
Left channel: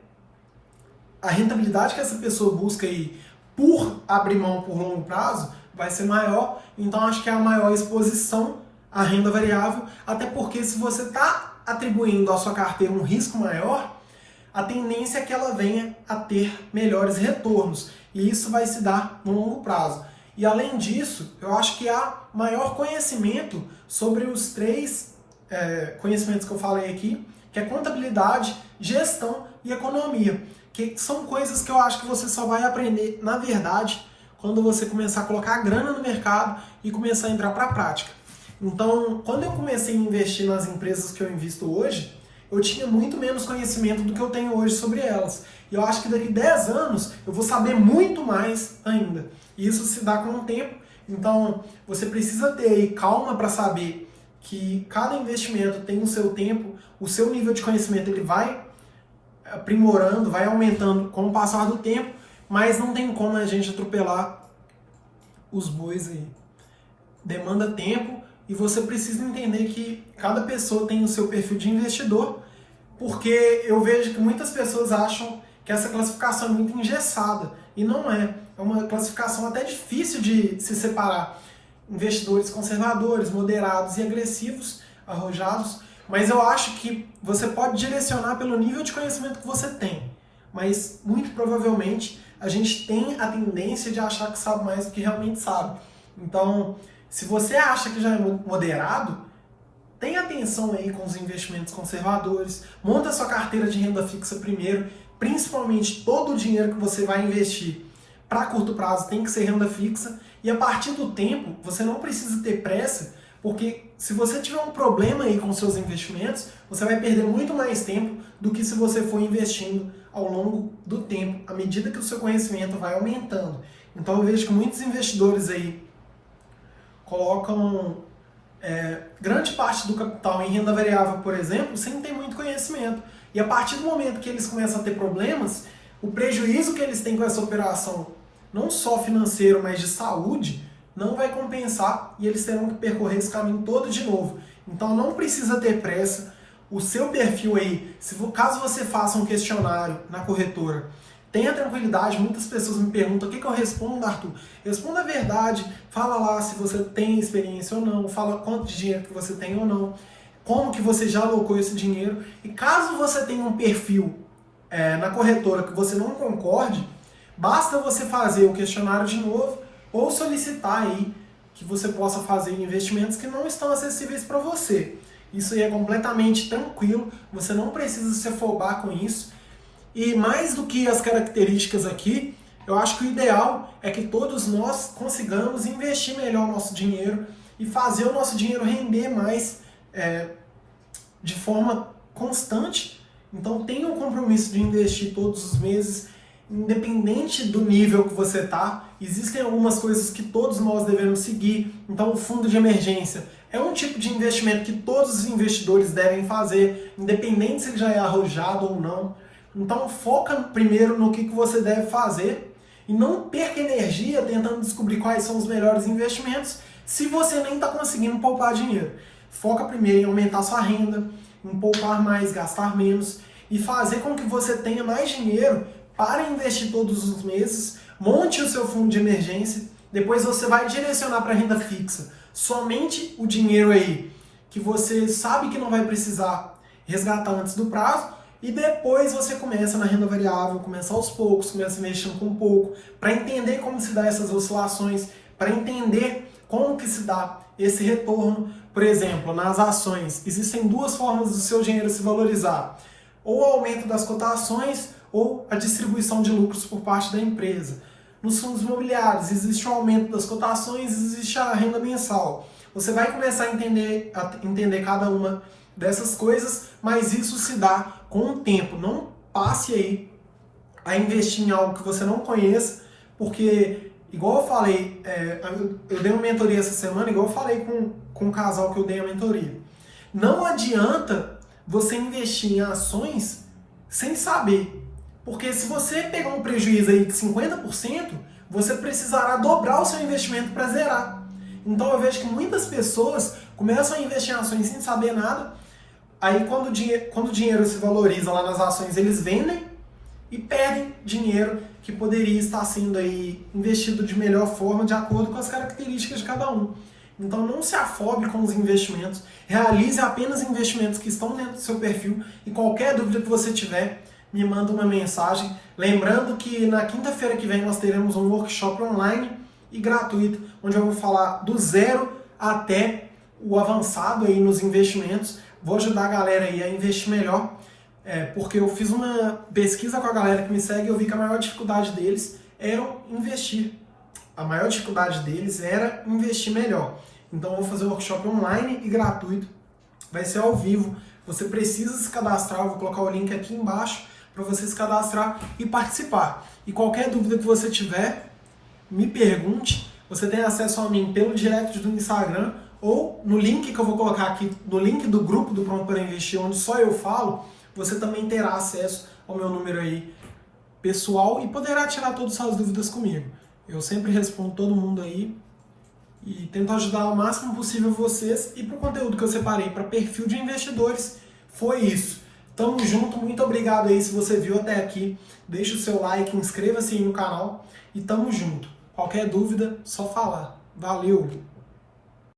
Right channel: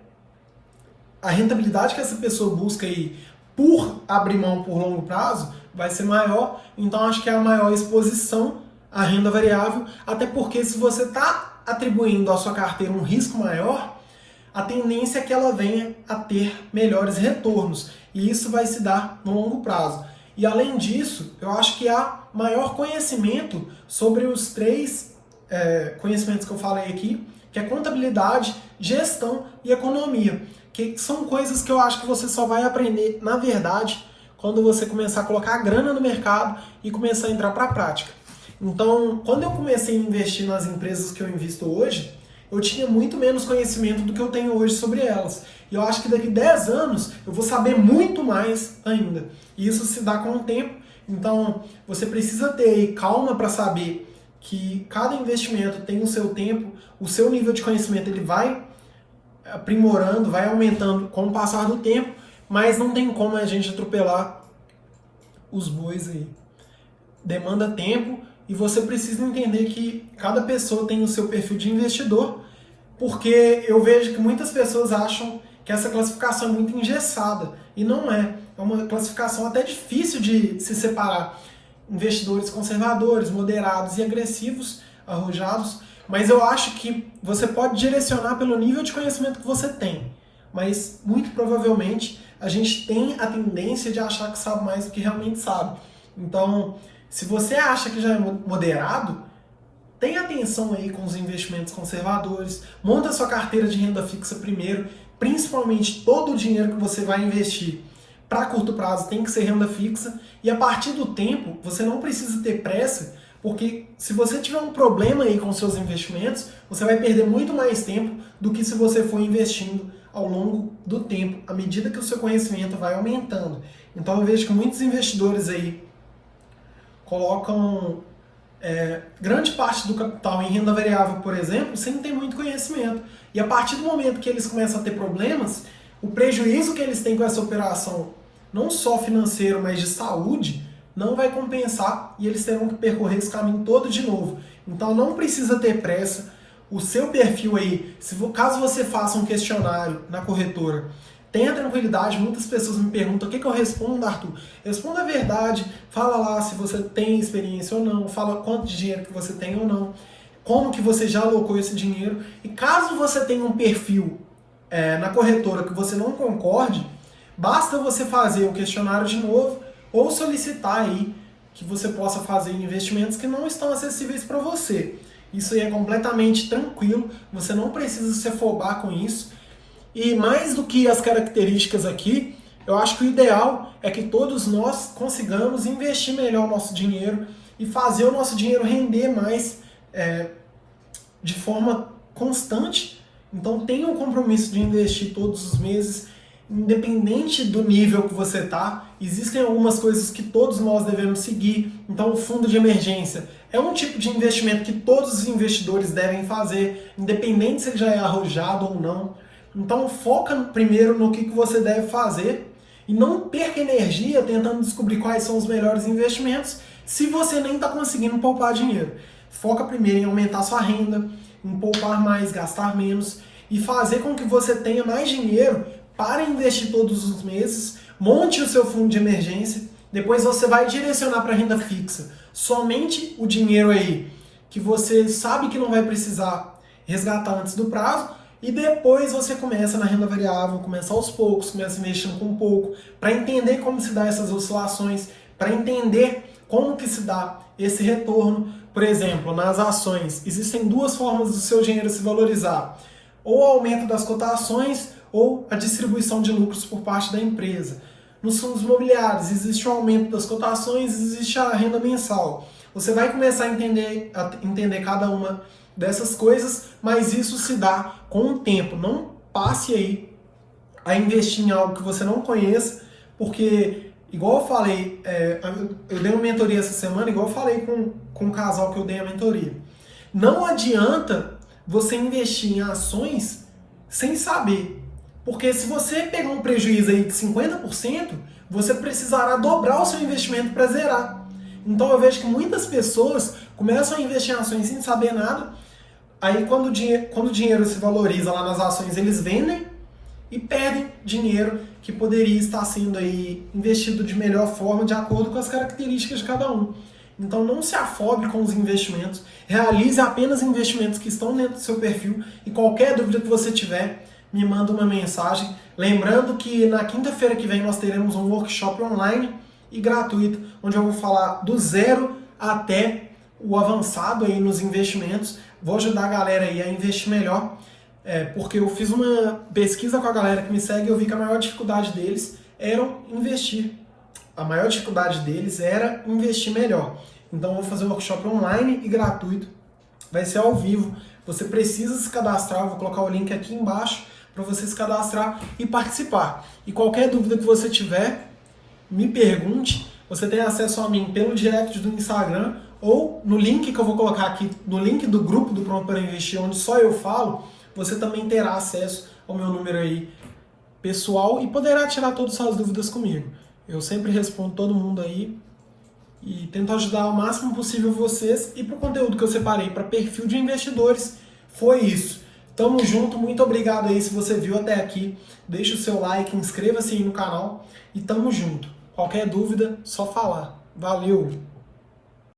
a rentabilidade que essa pessoa busca aí por abrir mão por longo prazo vai ser maior. Então, acho que é a maior exposição à renda variável, até porque se você está atribuindo à sua carteira um risco maior, a tendência é que ela venha a ter melhores retornos, e isso vai se dar no longo prazo. E além disso, eu acho que há maior conhecimento sobre os três conhecimentos que eu falei aqui, que é contabilidade, gestão e economia, que são coisas que eu acho que você só vai aprender, na verdade, quando você começar a colocar a grana no mercado e começar a entrar para a prática. Então, quando eu comecei a investir nas empresas que eu invisto hoje, eu tinha muito menos conhecimento do que eu tenho hoje sobre elas. E eu acho que daqui 10 anos eu vou saber muito mais ainda. E isso se dá com o tempo. Então, você precisa ter aí calma para saber que cada investimento tem o seu tempo, o seu nível de conhecimento ele vai aprimorando, vai aumentando com o passar do tempo, mas não tem como a gente atropelar os bois aí. Demanda tempo e você precisa entender que cada pessoa tem o seu perfil de investidor, porque eu vejo que muitas pessoas acham que essa classificação é muito engessada, e não é. é uma classificação até difícil de se separar. Investidores conservadores, moderados e agressivos, arrojados, mas eu acho que você pode direcionar pelo nível de conhecimento que você tem. Mas, muito provavelmente, a gente tem a tendência de achar que sabe mais do que realmente sabe. Então, se você acha que já é moderado, tenha atenção aí com os investimentos conservadores, monta sua carteira de renda fixa primeiro, principalmente todo o dinheiro que você vai investir para curto prazo tem que ser renda fixa, e a partir do tempo, você não precisa ter pressa, porque se você tiver um problema aí com seus investimentos, você vai perder muito mais tempo do que se você for investindo ao longo do tempo, à medida que o seu conhecimento vai aumentando. Então eu vejo que muitos investidores aí colocam grande parte do capital em renda variável, por exemplo, sem ter muito conhecimento. E a partir do momento que eles começam a ter problemas, o prejuízo que eles têm com essa operação, não só financeiro, mas de saúde, não vai compensar e eles terão que percorrer esse caminho todo de novo. Então não precisa ter pressa. O seu perfil aí, caso você faça um questionário na corretora, tenha tranquilidade. Muitas pessoas me perguntam o que eu respondo, Arthur. Responda a verdade, fala lá se você tem experiência ou não, fala quanto de dinheiro que você tem ou não, como que você já alocou esse dinheiro. E caso você tenha um perfil na corretora que você não concorde, basta você fazer o questionário de novo ou solicitar aí que você possa fazer investimentos que não estão acessíveis para você. Isso aí é completamente tranquilo, você não precisa se afobar com isso. E mais do que as características aqui, eu acho que o ideal é que todos nós consigamos investir melhor o nosso dinheiro e fazer o nosso dinheiro render mais de forma constante. Então tenha o compromisso de investir todos os meses, independente do nível que você está. Existem algumas coisas que todos nós devemos seguir. Então o fundo de emergência é um tipo de investimento que todos os investidores devem fazer, independente se ele já é arrojado ou não. Então foca primeiro no que você deve fazer e não perca energia tentando descobrir quais são os melhores investimentos se você nem está conseguindo poupar dinheiro. Foca primeiro em aumentar sua renda, em poupar mais, gastar menos e fazer com que você tenha mais dinheiro para investir todos os meses. Monte o seu fundo de emergência, depois você vai direcionar para renda fixa somente o dinheiro aí que você sabe que não vai precisar resgatar antes do prazo, e depois você começa na renda variável, começa aos poucos, começa investindo com pouco, para entender como se dá essas oscilações, para entender como que se dá esse retorno. Por exemplo, nas ações, existem duas formas do seu dinheiro se valorizar: ou o aumento das cotações, ou a distribuição de lucros por parte da empresa. Nos fundos imobiliários, existe o aumento das cotações, existe a renda mensal. Você vai começar a entender cada uma dessas coisas, mas isso se dá com o tempo. Não passe aí a investir em algo que você não conheça, porque, igual eu falei, eu dei uma mentoria essa semana, igual eu falei com um casal que eu dei a mentoria. Não adianta você investir em ações sem saber. Porque se você pegar um prejuízo aí de 50%, você precisará dobrar o seu investimento para zerar. Então eu vejo que muitas pessoas começam a investir em ações sem saber nada, aí quando o dinheiro se valoriza lá nas ações, eles vendem e perdem dinheiro que poderia estar sendo aí investido de melhor forma, de acordo com as características de cada um. Então não se afobe com os investimentos, realize apenas investimentos que estão dentro do seu perfil, e qualquer dúvida que você tiver, me manda uma mensagem. Lembrando que na quinta-feira que vem nós teremos um workshop online e gratuito, onde eu vou falar do zero até o avançado aí nos investimentos. Vou ajudar a galera aí a investir melhor, porque eu fiz uma pesquisa com a galera que me segue e eu vi que a maior dificuldade deles era investir. A maior dificuldade deles era investir melhor. Então eu vou fazer um workshop online e gratuito. Vai ser ao vivo. Você precisa se cadastrar, eu vou colocar o link aqui embaixo para você se cadastrar e participar. E qualquer dúvida que você tiver, me pergunte. Você tem acesso a mim pelo direct do Instagram ou no link que eu vou colocar aqui, no link do grupo do Pronto para Investir, onde só eu falo. Você também terá acesso ao meu número aí pessoal e poderá tirar todas as suas dúvidas comigo. Eu sempre respondo todo mundo aí e tento ajudar o máximo possível vocês. E para o conteúdo que eu separei para perfil de investidores, foi isso. Tamo junto, muito obrigado aí se você viu até aqui. Deixa o seu like, inscreva-se aí no canal e tamo junto. Qualquer dúvida, só falar. Valeu!